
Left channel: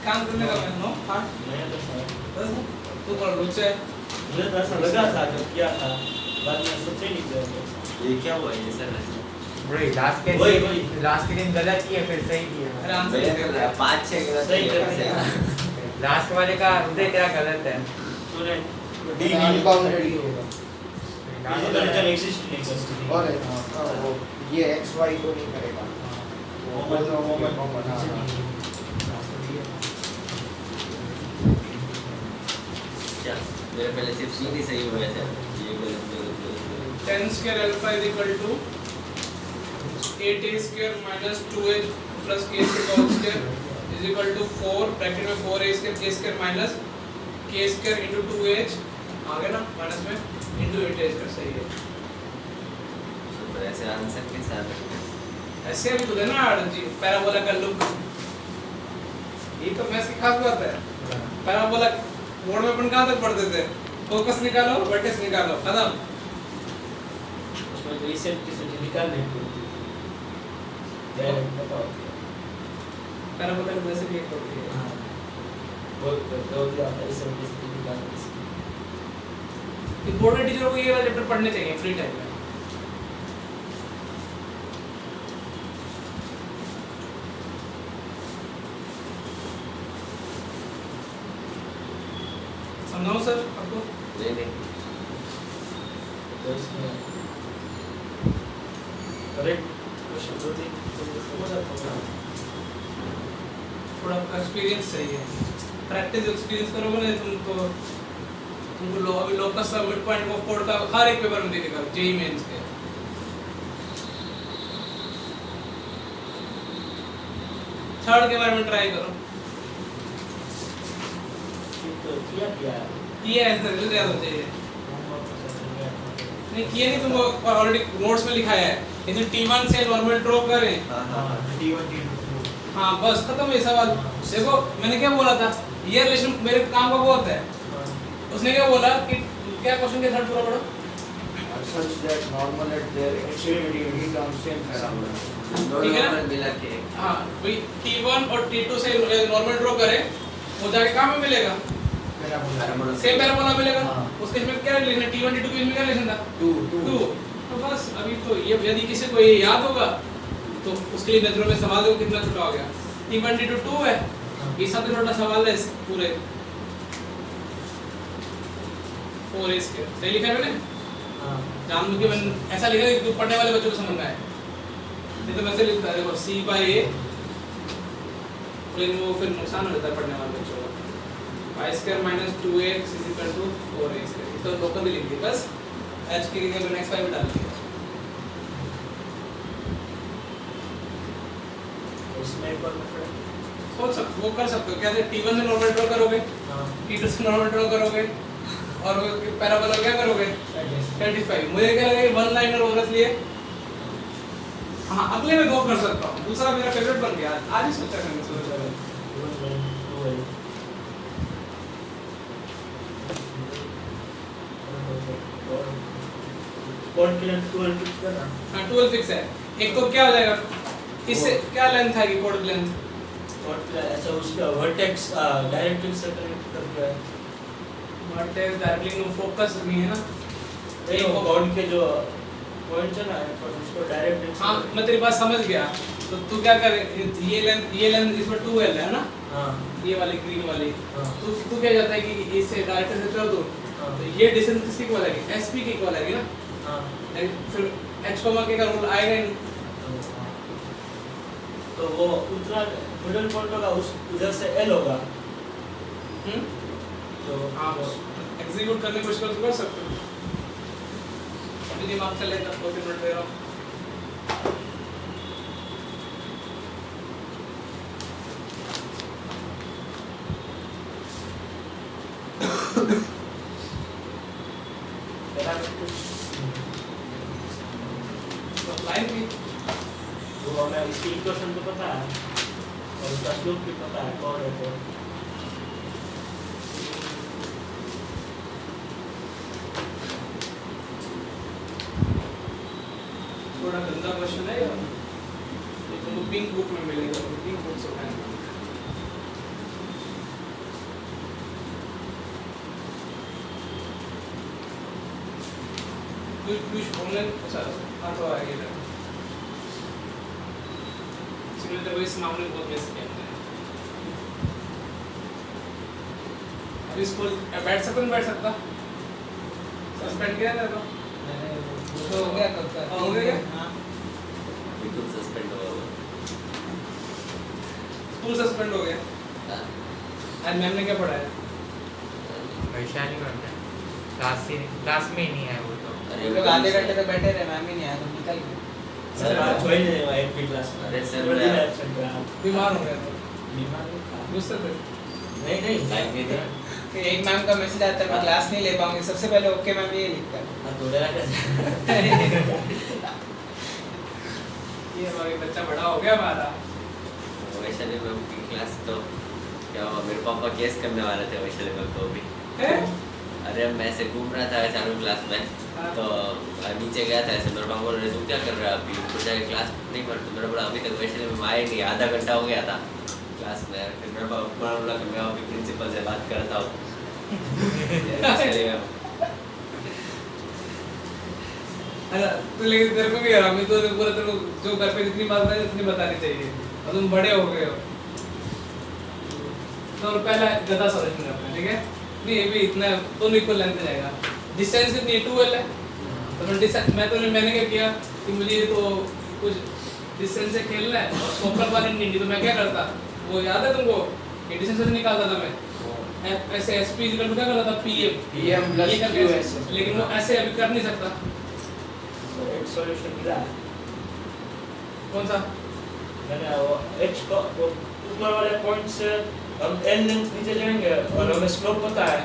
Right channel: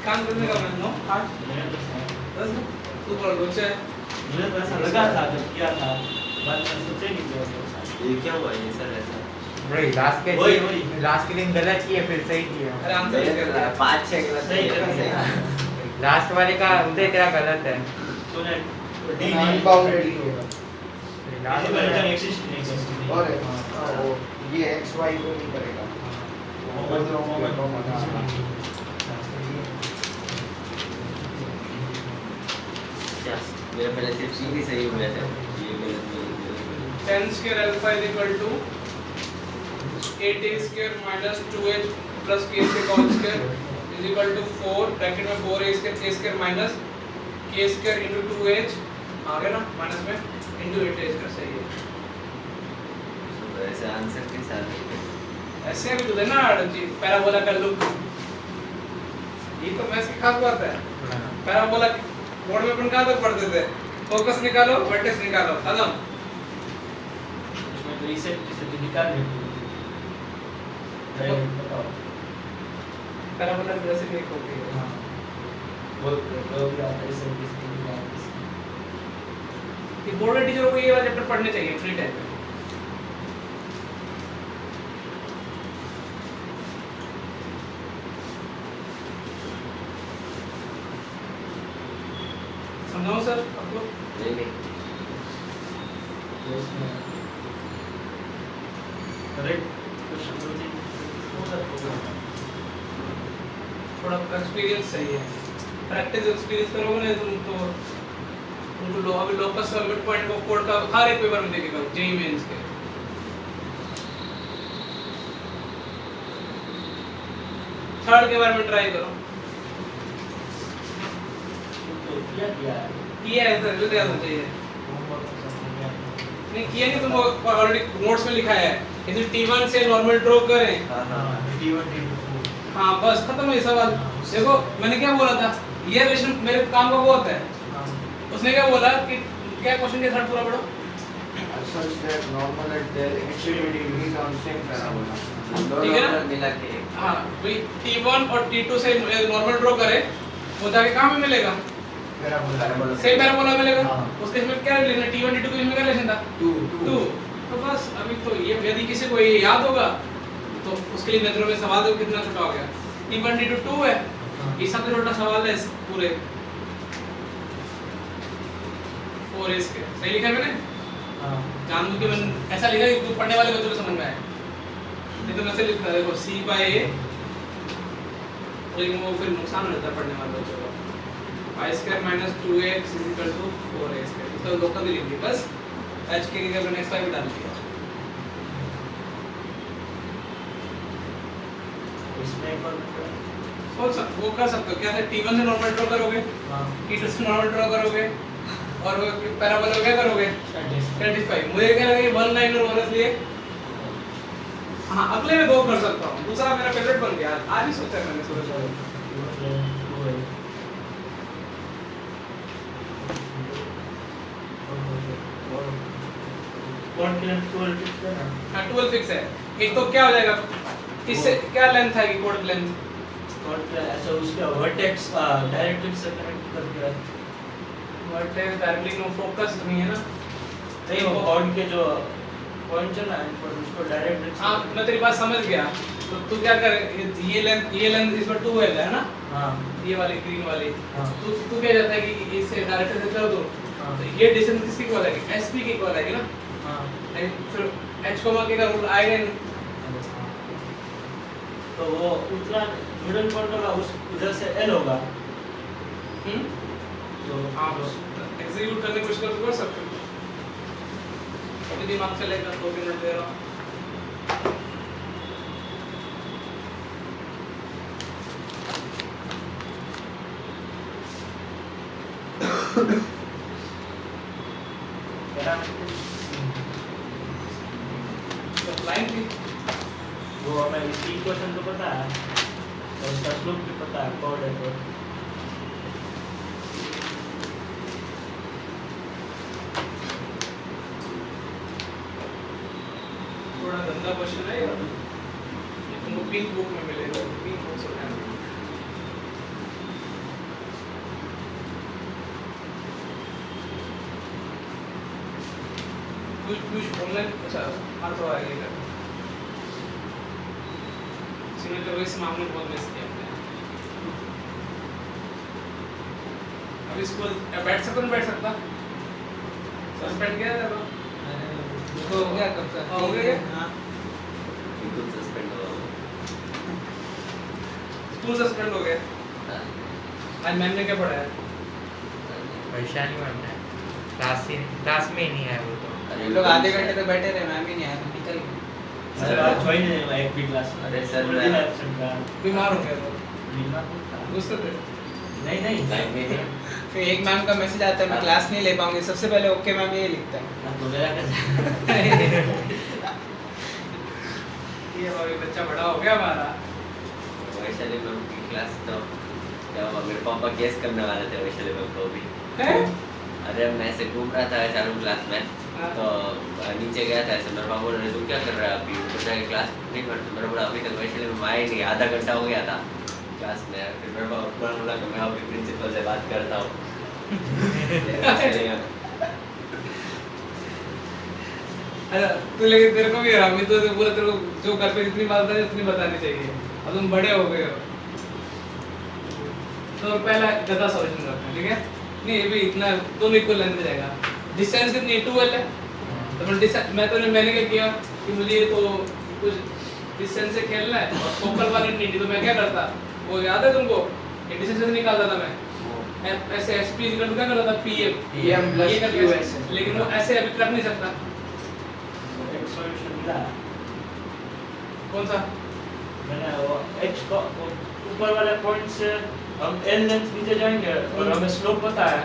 काम करने का मैं 9 8 मेरा 10 है 10 तू थोड़ा लोचा है मुझे तो ऐसा लगा था जब किया था बाद में सोचे नहीं किया ये क्या हुआ ये सर ऐसा वही वही। लास्ट के दिन गलत किए फिर सही किए अरे आंसर मैंने कर रहा 5-6 गलत सही किया कर दिया। सही। लास्ट वाले का उदय तेरा गलत है तूने डी अनबाउंडेड डिजिटल एक्सिस्ट नहीं करती और वो ये एक्स वाई को नहीं करेगा क्या मेरे पहले सिर्फ 3 ही सही हुए थे ये गलत 10 square alpha is equal to 8a square minus 2h plus k square whole square is equal to 4 bracket में 4a square k square minus k square into 2h आ गया ना माइनस में into 8a square सही है तो ऐसे answer कैसे आ सकते हैं ऐसे अभी तो देना जी पैराबोला कर लो ये तो मैथ्स की खास बात है पैराबोला बोर्ड में अपन कहां तक पढ़ते थे फोकस निकालो वर्टेक्स निकालो खत्म उसमें तो रीसेट निकाल लेते बताओ पैराबोला वैसे भी एक होती है हाँ बहुत दिया रीसेट निकाल ये बोर्ड टीचरों को ये वाला चैप्टर पढ़ने चाहिए फ्री टाइम में समझाओ सर आपको नहीं तो इसमें करेक्ट क्वेश्चन होती थोड़ा एक्सपीरियंस चाहिए प्रैक्टिस एक्सपीरियंस करोगे ना तुमको अभी लोकस का मिड पॉइंट को कोड का हर एक पेपर में देखेगा जेई मेंस के थर्ड के बारे में ट्राई करो तो किया किया है सर रिजल्ट याद होना चाहिए नहीं किया नहीं तुमको ऑलरेडी नोट्स में लिखा है यदि T1 से नॉर्मल ड्रॉ करें हां हाँ बस खत्म है सवाल देखो मैंने क्या बोला था ये रिलेशन मेरे काम का वो होता है उसने क्या बोला कि क्या क्वेश्चन के थर्ड पूरा पढ़ो such that normal at their extremity we constant parabola ठीक है ना? मिला के हाँ भाई T1 और T2 से नॉर्मल ड्रॉ करें वो जाके कहाँ में मिलेगा पैराबोला सेम पैराबोला मिलेगा हाँ। उसके इसमें क्या रिलेशन है T1 T2 के इसमें क्या रिलेशन था 2 2 तो बस अभी तो ये यदि किसी को ये याद होगा तो उसके लिए नजरों में सवाल देखो कितना छोटा हो गया T1 T2 2 है ये सबसे छोटा सवाल है इस पूरे 4 इसके सही लिखा है मैंने जानबूझ के मैंने ऐसा लिखा कि जो पढ़ने वाले बच्चों को समझ में आए नहीं तो मैं ऐसे लिखता देखो C by A लेकिन वो फिर नुकसान हो जाता है पढ़ने वाले बच्चों का y square minus 2x is equal to 4a square तो लोकल ही लिख दिया बस h के जगह मैंने x y भी डाल दिया उसमें एक और सोच सकते वो कर सकते हो क्या है T1 से नॉर्मल ड्रॉ करोगे हाँ T2 से नॉर्मल ड्रॉ करोगे और वो पैराबोला क्या करोगे 35 मुझे क्या लगा ये 1 लाइन और बोनस लिए हाँ अगले में 2 कर सकता हूँ दूसरा मेरा फेवरेट बन गया आज ही सोचा है मैंने सुबह कौन की लेंथ 12 फिक्स करना? हाँ 12 फिक्स है एक तो क्या हो जाएगा इससे क्या लेंथ है कि कोड की लेंथ कौन की ऐसा उसका वर्टेक्स डायरेक्ट्रिक्स से कनेक्ट करके है। वर्टेक्स डायरेक्टली नो फोकस नहीं है ना नहीं वो कौन के जो पॉइंट है ना पर उसको डायरेक्ट्रिक्स हाँ मैं तेरी बात समझ गया तो तू क्या करे ये लेंथ इस पर 2L है ना हाँ ये वाली ग्रीन वाली हाँ तू क्या जाता है कि इससे डायरेक्ट से चलो हाँ। तो ये डिस्टेंस किसकी इक्वल है SP की इक्वल है ना हाँ फिर h k का रूल आएगा ही नहीं तो वो उतना मिडिल पॉइंट होगा उस इधर से L होगा तो आप एग्जीक्यूट करने की कोशिश कर सकते हो अभी दिमाग चलेगा 2 मिनट दे रहा हूं तो लाइन थी वो हमें इसकी इक्वेशन तो पता है और इसका स्लोप भी पता है कौन है तो थोड़ा गंदा क्वेश्चन है यार ये तुमको पिंक बुक में मिलेगा पिंक बुक से उठाना कुछ ऑनलाइन अच्छा हर तो आएगा इसमें तो इस मामले में बहुत मिस किया हमने अभी स्कूल बैठ सकता नहीं बैठ सकता सस्पेंड किया था तो तो हो गया कब का हो गया? हाँ बिल्कुल सस्पेंड हुआ वो। स्कूल सस्पेंड हो गया आज मैम ने क्या पढ़ाया परेशानी बन रहा है क्लास में ही नहीं है वो तो अरे हम लोग आधे घंटे तो बैठे रहे मैम ही नहीं आया निकल गए सर आप ज्वाइन नहीं हुआ एक भी क्लास में अरे सर, पूरे मैं- दिन absent रहा बीमार हो गया तो बीमार नहीं था। दूसरे थे नहीं नहीं लाइन में थे। फिर एक मैम का मैसेज आता है मैं क्लास नहीं ले पाऊंगी सबसे पहले ओके मैम ये लिखता है ना बोलेगा कैसे ये हमारे बच्चा बड़ा हो गया हमारा वैशाली मैम की क्लास तो क्या हुआ मेरे पापा केस करने वाले थे वैशाली मैम को भी है अरे मैं ऐसे घूम रहा था चालू क्लास में तो नीचे गया था ऐसे मेरे पापा ने तू क्या कर रहा है अभी ऊपर जाके क्लास नहीं पढ़ते मेरा बोला अभी तक वैशाली मैम आए नहीं आधा घंटा हो गया था क्लास में फिर मेरे पापा ने बोला कि मैं अपने प्रिंसिपल से बात करता हूँ वैशाली मैम अच्छा तू लेकिन तेरे को भी है मैं तो पूरा तेरे को जो घर पे जितनी बात है उतनी बतानी चाहिए और तुम बड़े हो गए हो तो पहला गदा सॉल्यूशन करते हैं ठीक है नहीं ये भी इतना दोनों इक्वल लेंथ जाएगा डिस्टेंस कितनी 2L है तो मैं डिस्टेंस मैंने क्या किया कि मुझे तो कुछ डिस्टेंस से खेलना है और फोकल वाले नहीं तो मैं क्या करता वो याद है तुमको कि डिस्टेंस से निकालता था मैं ऐसे SP इक्वल क्या करता था PM plus ये करके QS ऐसे। लेकिन वो ऐसे अभी कर नहीं सकता एक सॉल्यूशन मिला कौन सा मैंने वो h को वो ऊपर वाले पॉइंट से हम l लेंथ नीचे जाएंगे और हमें स्लोप पता है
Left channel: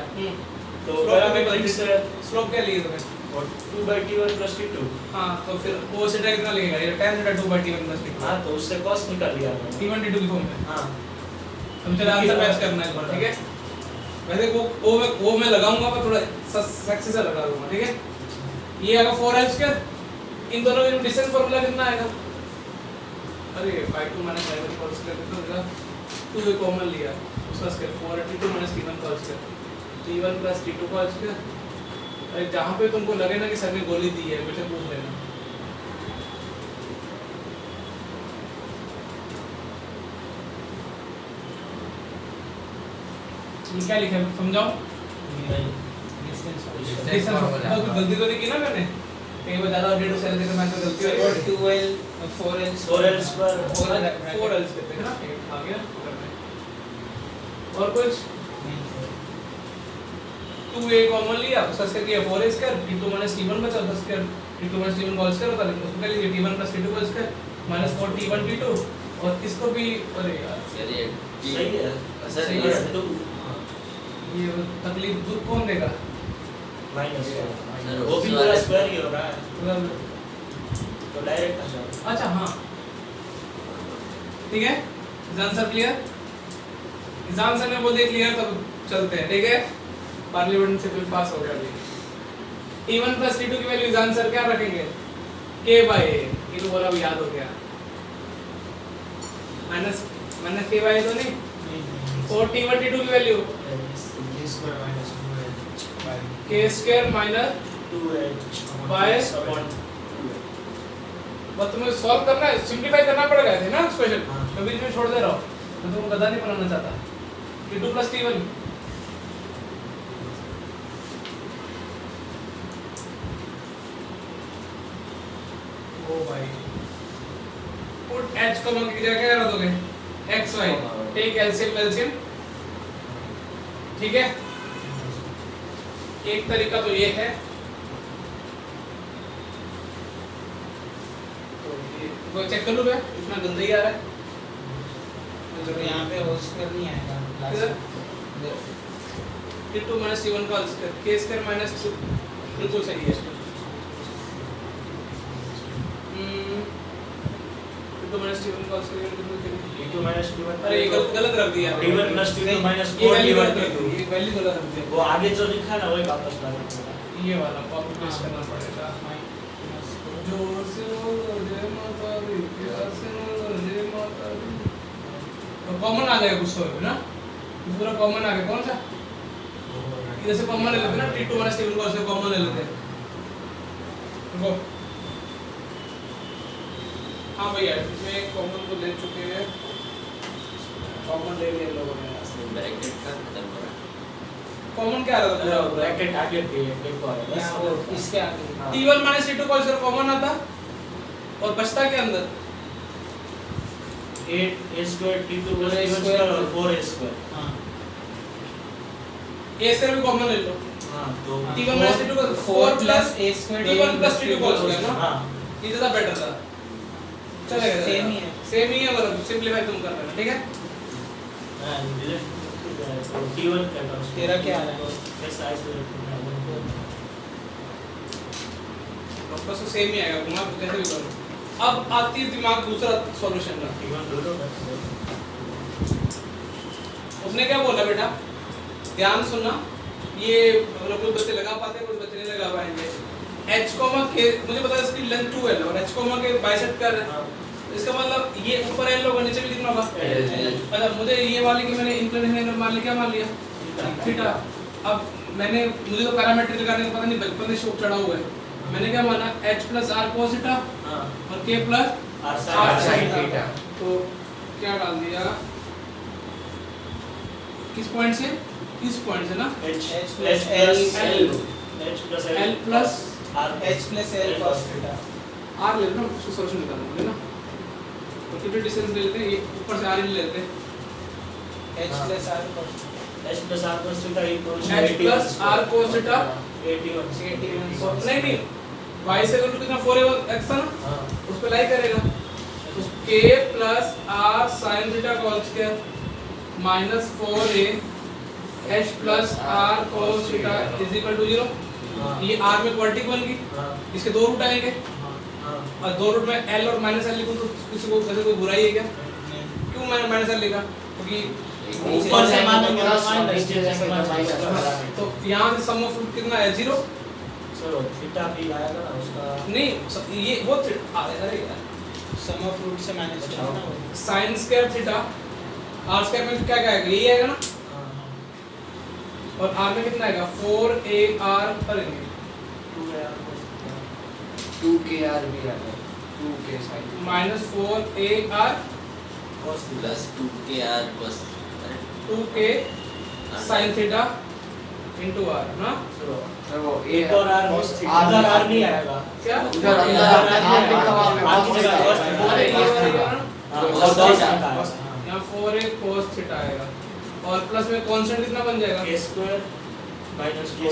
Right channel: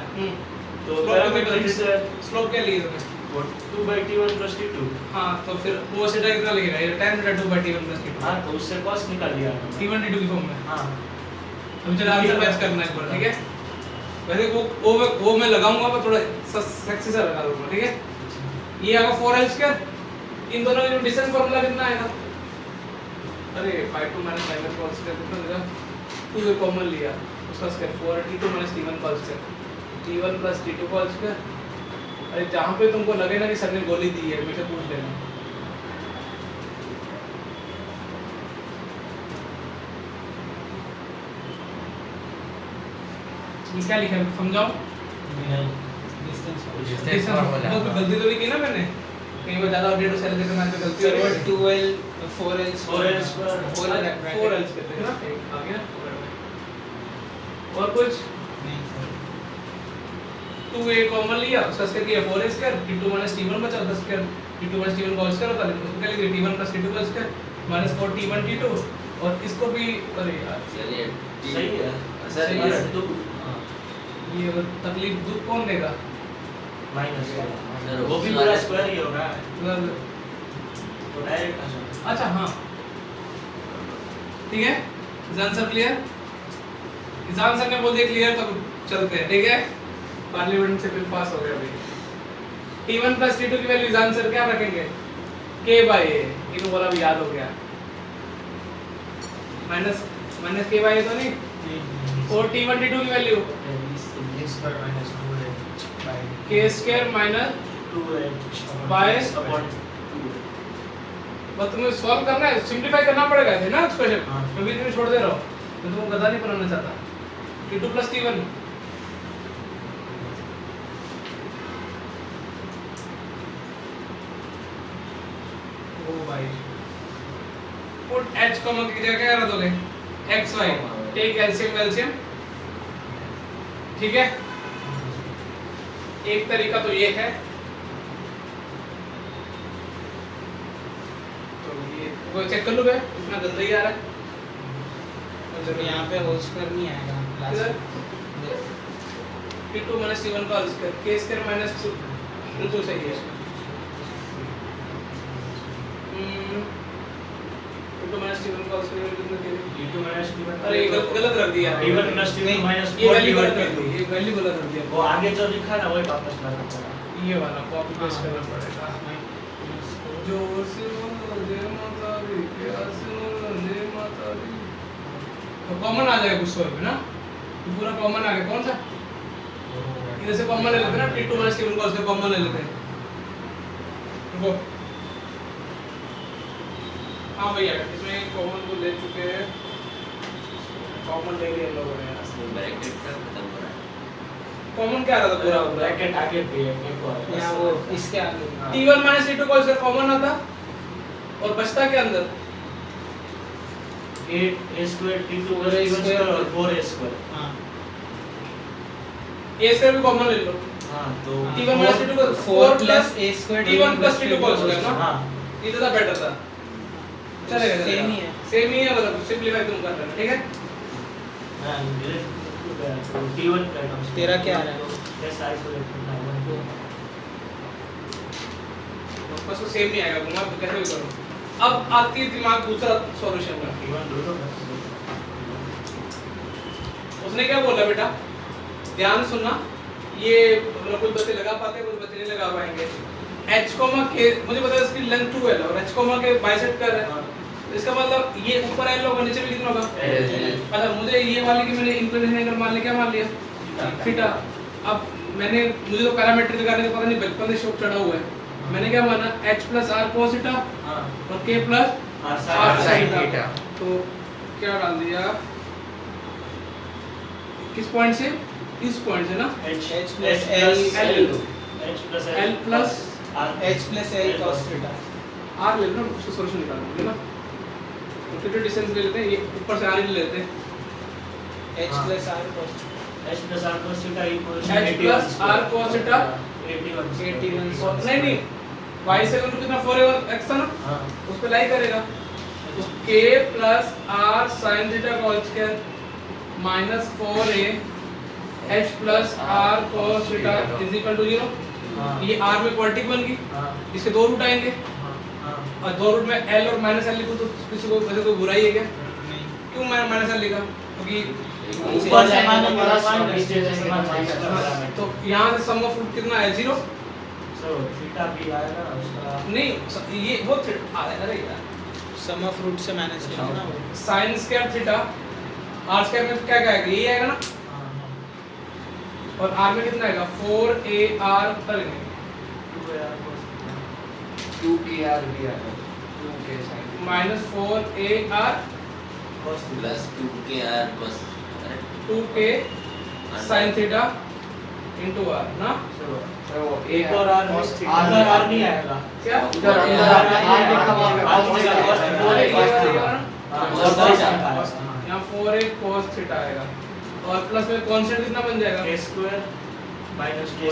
तो Slope पैरामीट्रिक से स्लोप क्या लिए तुम्हें वो 2/t1 + t2 हाँ तो फिर वो सेटा कितना लगेगा ये 10 × 2/t1 + t2 हाँ तो उससे cos निकाल लिया हमने। t1 t2 की फॉर्म में हाँ हम चला आंसर मैच करना है एक बार ठीक है वैसे वो मैं लगाऊंगा पर थोड़ा सेक्सी सा लगा दूंगा ठीक है ये आएगा 4l² इन दोनों में डिस्टेंस फार्मूला कितना आएगा अरे 5 2 - 11 cos स्क्वायर कितना देगा 2 को कॉमन लिया उसका square 4t2 - t1 cos square t1 + t2 cos square अरे जहां पे तुमको लगे ना कि सर ने गोली दी है मुझे पूछ लेना ये क्या लिखा है समझाओ नहीं डिस्टेंस फार्मूला कोई गलती तो नहीं की ना मैंने कहीं पे ज्यादा अपडेट सेल देके मैं तो गलती फिर है वो 2L 4L 4l square 4l कहते हैं ना आ गया और कुछ 2a कॉमन लिया उसका स्क्वायर किया 4a² t2 - t1 बचा उसका स्क्वायर t2 - t1 का स्क्वायर होता है उसको क्या लिखेंगे t1 + t2 का स्क्वायर -4t1 t2 और इसको भी अरे यार चलिए सही है सर सही ये है। तो ये तकलीफ दूर कौन देगा माइनस सर वो भी उस पूरा वाले स्क्वायर ही होगा अगर तो डायरेक्ट आ जाएगा अच्छा हाँ ठीक है इस आंसर क्लियर इस आंसर में बोल दिया क्लियर तब चलते हैं ठीक है पार्लियामेंट से फिर पास हो गया अभी T1 प्लस T2 की वैल्यू इस आंसर क्या रखेंगे K बाय A ये तो बोला भी याद हो गया minus minus K bye A तो नहीं और T1 T2 की value K square minus 2h By बस तुम्हें सॉल्व करना है सिंपलीफाई करना पड़ेगा ऐसे ना एक्सप्रेशन हाँ। मैं बीच में छोड़ दे रहा हूँ मैं तुमको गधा नहीं बनाना चाहता T2 प्लस T1 ओ भाई पुट h को मत क्या क्या कर दोगे x y take LCM LCM ठीक है एक तरीका तो ये है तो ये वो चेक कर लो बे इतना गंदा ही आ रहा है तो यहाँ पे होल स्क्वायर नहीं आएगा किधर? लास्ट T2 minus T1 का whole square k square minus 2 बिल्कुल सही है T2 minus T1 का होल स्क्वायर कितना देंगे T2 minus T1 अरे ये गलत रख दिया T1 plus T2 minus ये 4 वैल्यू T1 गलत रख दी ये वैल्यू गलत रख दिया वो आगे जो लिखा है ना वही वापस डालना पड़ेगा ये वाला कॉपी पेस्ट करना पड़ेगा जोर से बोलो जय माता दी प्यार से बोलो जय माता दी तो कॉमन आ जाएगा कुछ तो ना ये पूरा कॉमन आ गया कौन सा इधर से कॉमन ले लेते हैं ना T2 minus T1 को उससे कॉमन ले लेते हैं देखो हाँ भैया इसमें कॉमन को ले चुके हैं कॉमन ले लिए इन लोगों ने इसमें ब्रैकेट का खत्म हो रहा है कॉमन क्या आ रहा था पूरा ब्रैकेट आगे पे देखो यहाँ वो इसके आगे T1 minus T2 को इसका कॉमन आता और बचता के अंदर 8 a square T2 plus T1 square और 4a square हाँ a स्क्वायर भी कॉमन ले लो हाँ तो T1 minus T2 को 4 plus a square T1 plus T2 को स्क्वायर ना हाँ ये ज़्यादा बेटर था चलेगा सेम ही है सेम ही है मतलब सिंपलीफाई तुम कर लेना ठीक है हाँ तो T1 का terms तेरा क्या आ रहा है कैसे आइसोलेट करना है वापस तो सेम ही आएगा घुमा तो कैसे भी करो अब आती है दिमाग दूसरा सॉल्यूशन का T1 दो दो उसने क्या बोला बेटा ध्यान सुनना ये कुछ बच्चे लगा पाते हैं कुछ बच्चे नहीं लगा पाएंगे h k मुझे पता है इसकी लेंथ 2l और h के बाइसेक्ट कर रहे हैं इसका मतलब ये ऊपर l होगा नीचे भी कितना होगा अच्छा मुझे ये मान लिया कि मैंने इंक्लिनेशन एंगल मान लिया क्या मान लिया थीटा अब मैंने मुझे तो पैरामीटर निकालने का पता नहीं बचपन से शौक चढ़ा हुआ है मैंने क्या माना h plus r cos theta हाँ और k plus R r sin sin theta तो क्या डाल दिया किस पॉइंट से इस पॉइंट से ना H plus L L H plus L plus R h plus l cos theta r ले लो ना उसको सॉल्यूशन निकालना है ना तो कितने डिस्टेंस ले लेते हैं ये ऊपर से r ले लेते हैं h हाँ। plus r cos H plus R cos theta equals h plus r cos theta 81 और नहीं नहीं y से इक्वल टू कितना 4 x था ना हाँ उस पे लाई करेगा तो k plus r sin theta का whole square minus 4a h plus r cos theta is equal to 0 हाँ ये r में क्वाड्रेटिक बन गई हाँ इसके दो रूट आएंगे हाँ और दो रूट में l और माइनस l लिखूं तो किसी को वैसे कोई बुराई है क्या नहीं क्यों मैंने माइनस l लिखा क्योंकि ऊपर से माना माइनस से माइनस तो यहाँ से सम ऑफ रूट कितना है 0 चलो थीटा भी आएगा ना उसका नहीं ये वो अरे यार सम ऑफ रूट से मैनेज करना ना वो sin square theta r square में क्या क्या आएगा यही आएगा ना हाँ और r में कितना आएगा 4ar करेंगे 2kr भी आता है 2k sin minus 4ar plus 2kr बस correct 2k sin theta into r ना चलो वो एक और R अगर R नहीं आएगा क्या उधर R की जगह cos theta अरे ये वाला हाँ ना cos theta आएगा यहाँ 4a cos थीटा आएगा और प्लस में कांस्टेंट कितना बन जाएगा k square minus 4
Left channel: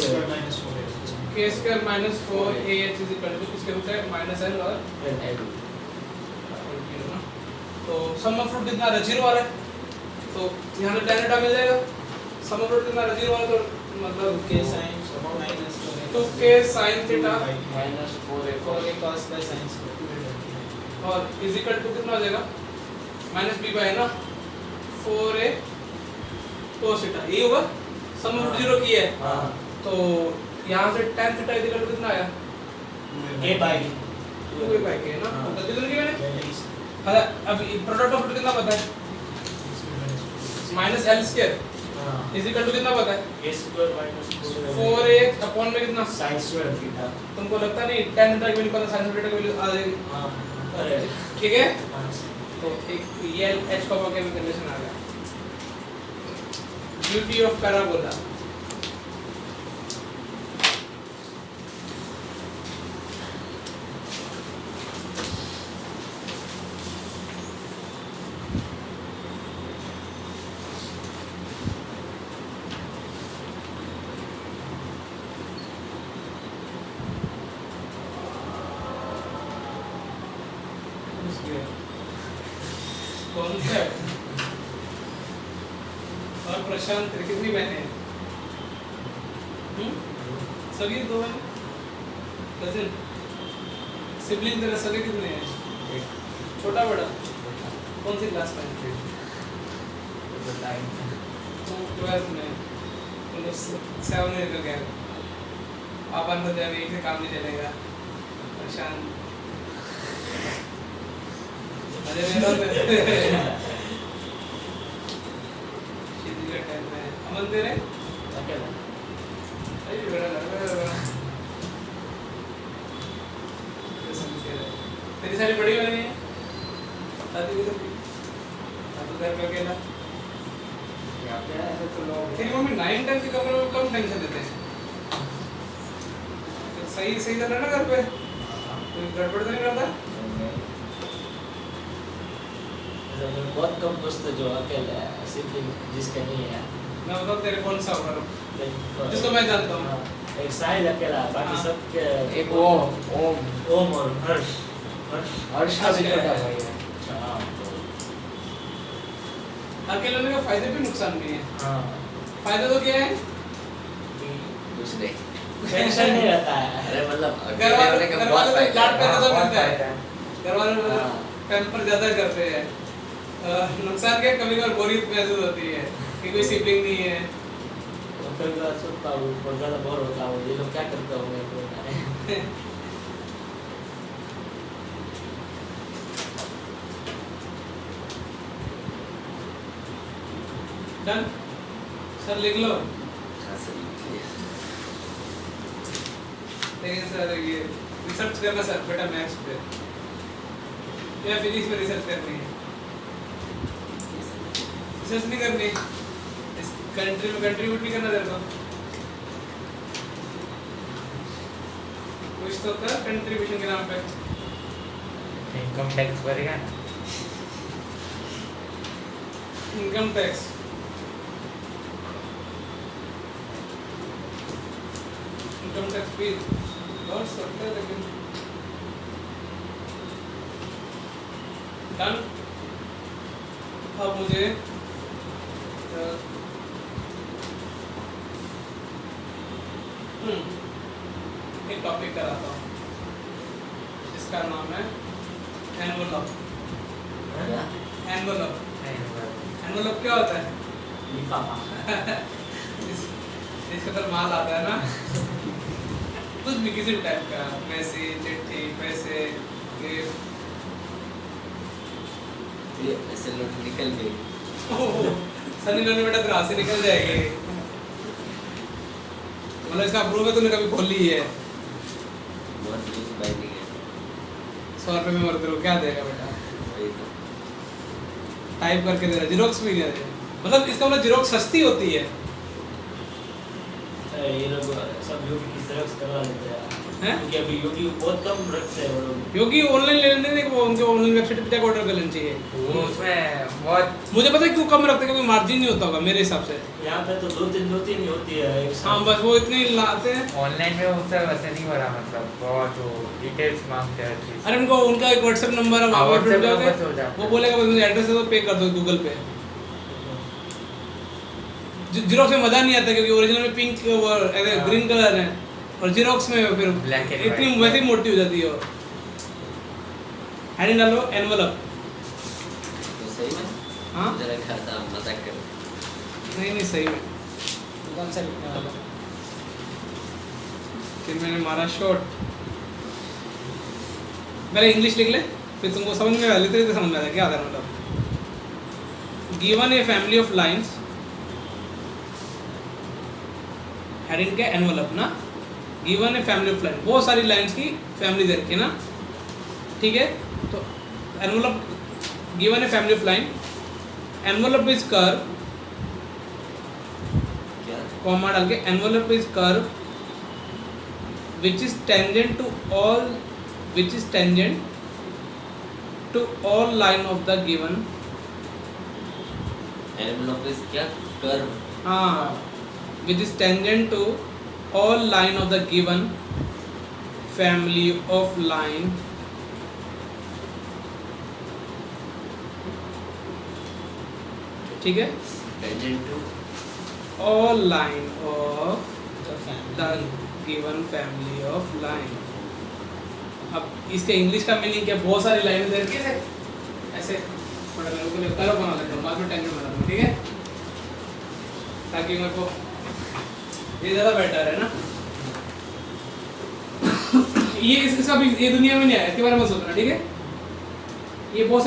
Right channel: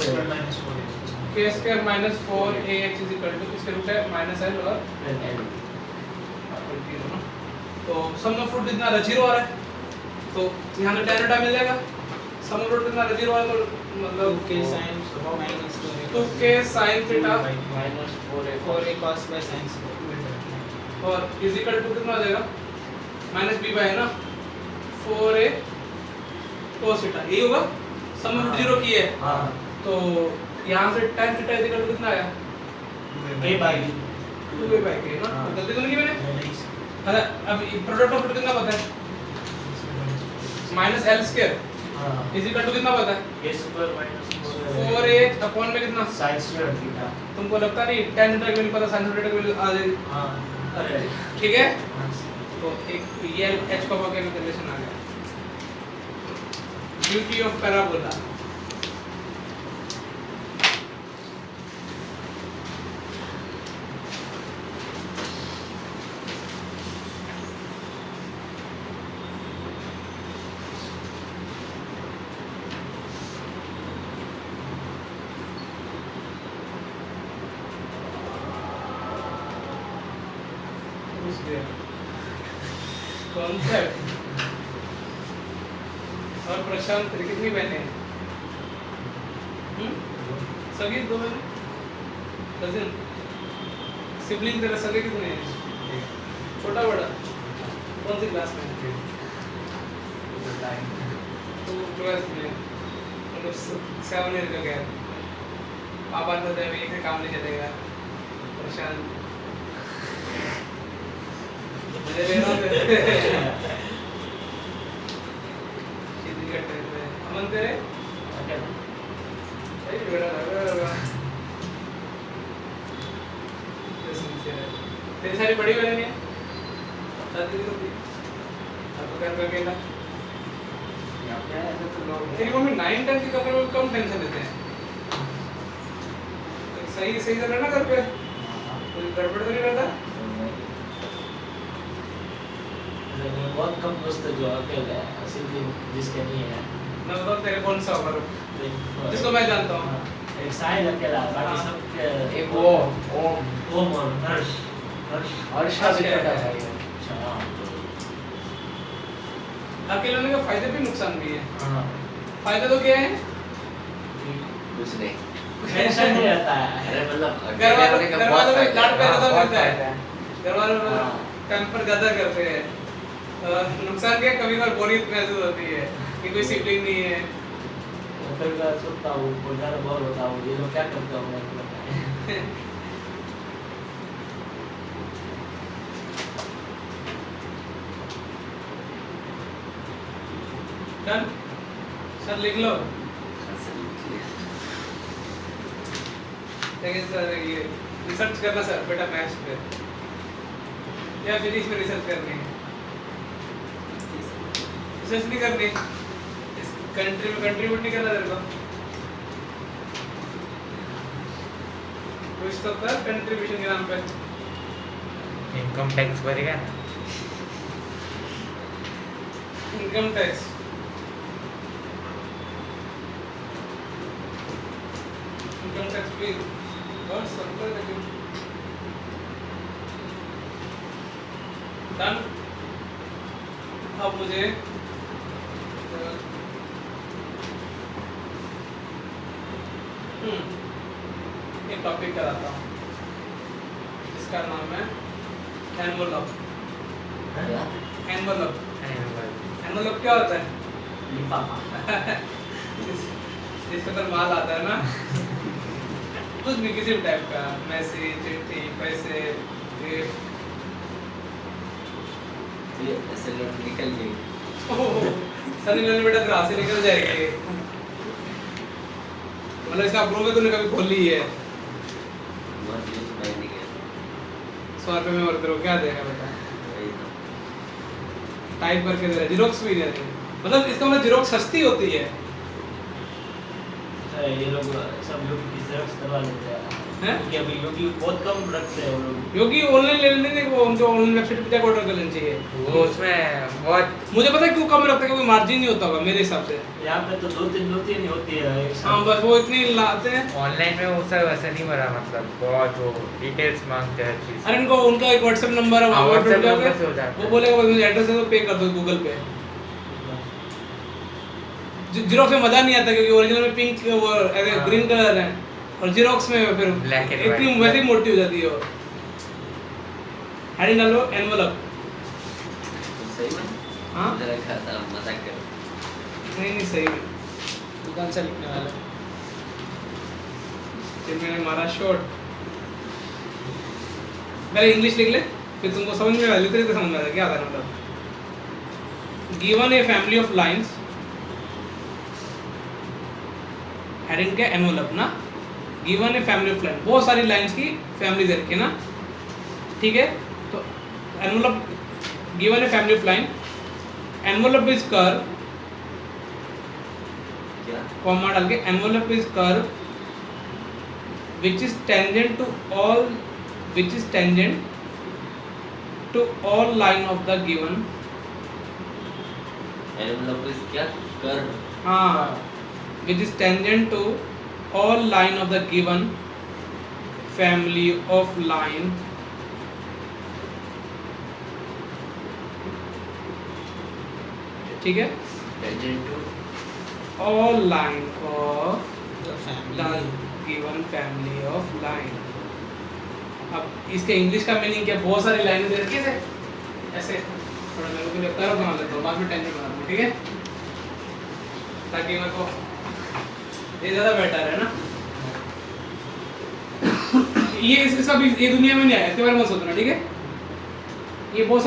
k square minus 4ah is equal to किसके रूट है minus l और L l0 ना तो सम ऑफ रूट कितना आ रहा है 0 आ रहा है, तो यहाँ से tan थीटा मिल जाएगा। सम ऑफ रूट कितना आ रहा है 0 आ रहा है, तो मतलब 2k sin minus 2k sin theta minus 4a 4a cos by sin square और इज इक्वल टू कितना आ जाएगा माइनस b बाय ना 4a cos थीटा, यही होगा। सम ऑफ रूट 0 की है, हाँ तो यहाँ से tan theta is equal to कितना आया a bye 2a bye k ना, हाँ। गलती तो नहीं की मैंने। अच्छा अब प्रोडक्ट ऑफ रूट कितना पता है माइनस l स्क्वायर हाँ इज इक्वल टू कितना पता है a square minus 4a upon में कितना, sin स्क्वायर थीटा। तुमको लगता नहीं tan थीटा की वैल्यू पता sin थीटा की वैल्यू आ जाएगी, हाँ अरे ठीक है। हाँ तो एक ये h का क्या रिलेशन आ गया, ब्यूटी ऑफ पैराबोला। कॉन्सेप्ट और प्रशांत कितनी बहनें हैं? सभी 2 बहनें, कजिन सिबलिंग तेरे सभी कितने हैं? छोटा बड़ा कौन सी क्लास में है? तो ट्वेल्थ में, मतलब 7 ईयर का गैप। पापा तो जब एक से काम नहीं चलेगा प्रशांत मजे में ना सीधी का टाइम में अमन तेरे अरे बड़ा लगा तेरी सारी बड़ी वाली है शादी भी तो की अब तो घर पे अकेला तेरी मम्मी 9-10 के कपड़ों को कम टेंशन देते हैं, सही सही तो रहना घर पे, कोई गड़बड़ तो नहीं करता। बहुत कम दोस्त है जो अकेले हैं, सिर्फ जिसके नहीं है। मैं बताऊँ तेरे कौन सा होगा जिसको मैं जानता हूँ। एक साहिल अकेला, बाकी हाँ। सब के एक वो ओम ओम और हर्ष हर्ष का भी छोटा भाई है। अच्छा, हाँ तो अकेले होने के फायदे भी नुकसान भी है। हाँ फायदे तो क्या है, कुछ नहीं। टेंशन नहीं रहता है। अरे मतलब घर अकेले होने का बहुत वालों फायदा लाड है। प्यार तो बहुत मिलता है, फायदा है। घर वालों हाँ। पैम्पर ज्यादा करते हैं। नुकसान क्या, कभी कभार बोरियत महसूस होती है कि कोई सिबलिंग नहीं है। कभी बार सोचता हूँ बहुत ज़्यादा बोर होता हूँ, ये लोग क्या करते होंगे पता नहीं। डन सर लिख लो, हाँ, सर, लेकिन सर ये रिसर्च करना सर बेटा मैथ्स पे या फिजिक्स पे रिसर्च करनी है, रिसर्च नहीं करनी, इस कंट्री में कंट्रीब्यूट नहीं करना तेरे को, कुछ तो कर कंट्रीब्यूशन के नाम पे। इनकम टैक्स भरेगा इनकम टैक्स भी बहुत सिंपल लेकिन डन। अब मुझे एक टॉपिक कराता हूँ, इसका नाम है एनवलप। क्या? एनवलप एनवलप क्या होता है? लिफाफा। इसके अंदर माल आता है ना, कुछ भी किसी भी टाइप का, मैसेज, चिट्ठी, पैसे, गिफ्ट। ये ऐसे लोग निकल गए। सनी लियोनी बेटा फिर हाथ से निकल जाएगी। मतलब इसका अप्रूव है, तूने कभी खोल ली है? बहुत यूज बाइंडिंग है। 100 रुपए में और करो क्या देगा बेटा? वही तो। टाइप करके दे रहा है, जीरोक्स भी दे रहे हैं। मतलब इसका मतलब जीरोक्स सस्ती होती है। ये लोग सब लोग की जेरॉक्स करवा लेते हैं। हैं? कि अभी यूट्यूब बहुत कम रखते हैं वो लोग। क्योंकि ऑनलाइन ले लेने दें, वो उनके ऑनलाइन वेबसाइट पे जाकर ऑर्डर कर लेना चाहिए। वो उसमें बहुत मुझे पता है क्यों कम रखते हैं, क्योंकि मार्जिन नहीं होता होगा मेरे हिसाब से। यहाँ पे तो दो तीन ही होती है एक साथ। हाँ बस वो इतने ही लाते हैं। ऑनलाइन में वो सब वैसे नहीं भरा, मतलब बहुत वो डिटेल्स मांगते हैं हर चीज़। अरे उनको उनका एक व्हाट्सएप नंबर है, वहाँ WhatsApp पर नंबर से हो जाता है। वो बोलेगा भाई मुझे एड्रेस है तो पे कर दो गूगल पे। जीरोक्स में मजा नहीं आता क्योंकि ओरिजिनल में पिंक और हाँ। ग्रीन कलर है, और जीरोक्स में फिर Black and इतनी white। वैसे ही मोटी हो जाती है। और हेडिंग डालो एनवलप। तो सही में हाँ मुझे लगा था मजाक कर नहीं सही में कौन सा लिखने वाला? फिर मैंने मारा शॉट। पहले इंग्लिश लिख ले, फिर तुमको समझ में आ लेते रहते समझ में आता है क्या आता है। मतलब given a family of lines, heading क्या एनवलप ना, given a family of line, बहुत सारी लाइंस की फैमिली दे रखी है ना, ठीक है। तो envelope given a family of line, envelope is curve, क्या कॉमा डाल के envelope is curve which is tangent to all line of the given, envelope is क्या कर्व हाँ which is tangent to all line of the given family of line, ठीक है, tangent to all line of the given family of line। अब इसके English का meaning क्या, बहुत सारी लाइनें दे रखी है ऐसे, थोड़ा मेरे को लगता है बना लेता हूँ, बाद में टेंजेंट बना दूँगा, ठीक है, ताकि मेरे को ये ज़्यादा बेटर है ना। ये इसका भी ये दुनिया में नहीं आया, इसके बारे में मत सोचना, ठीक है। ये बहुत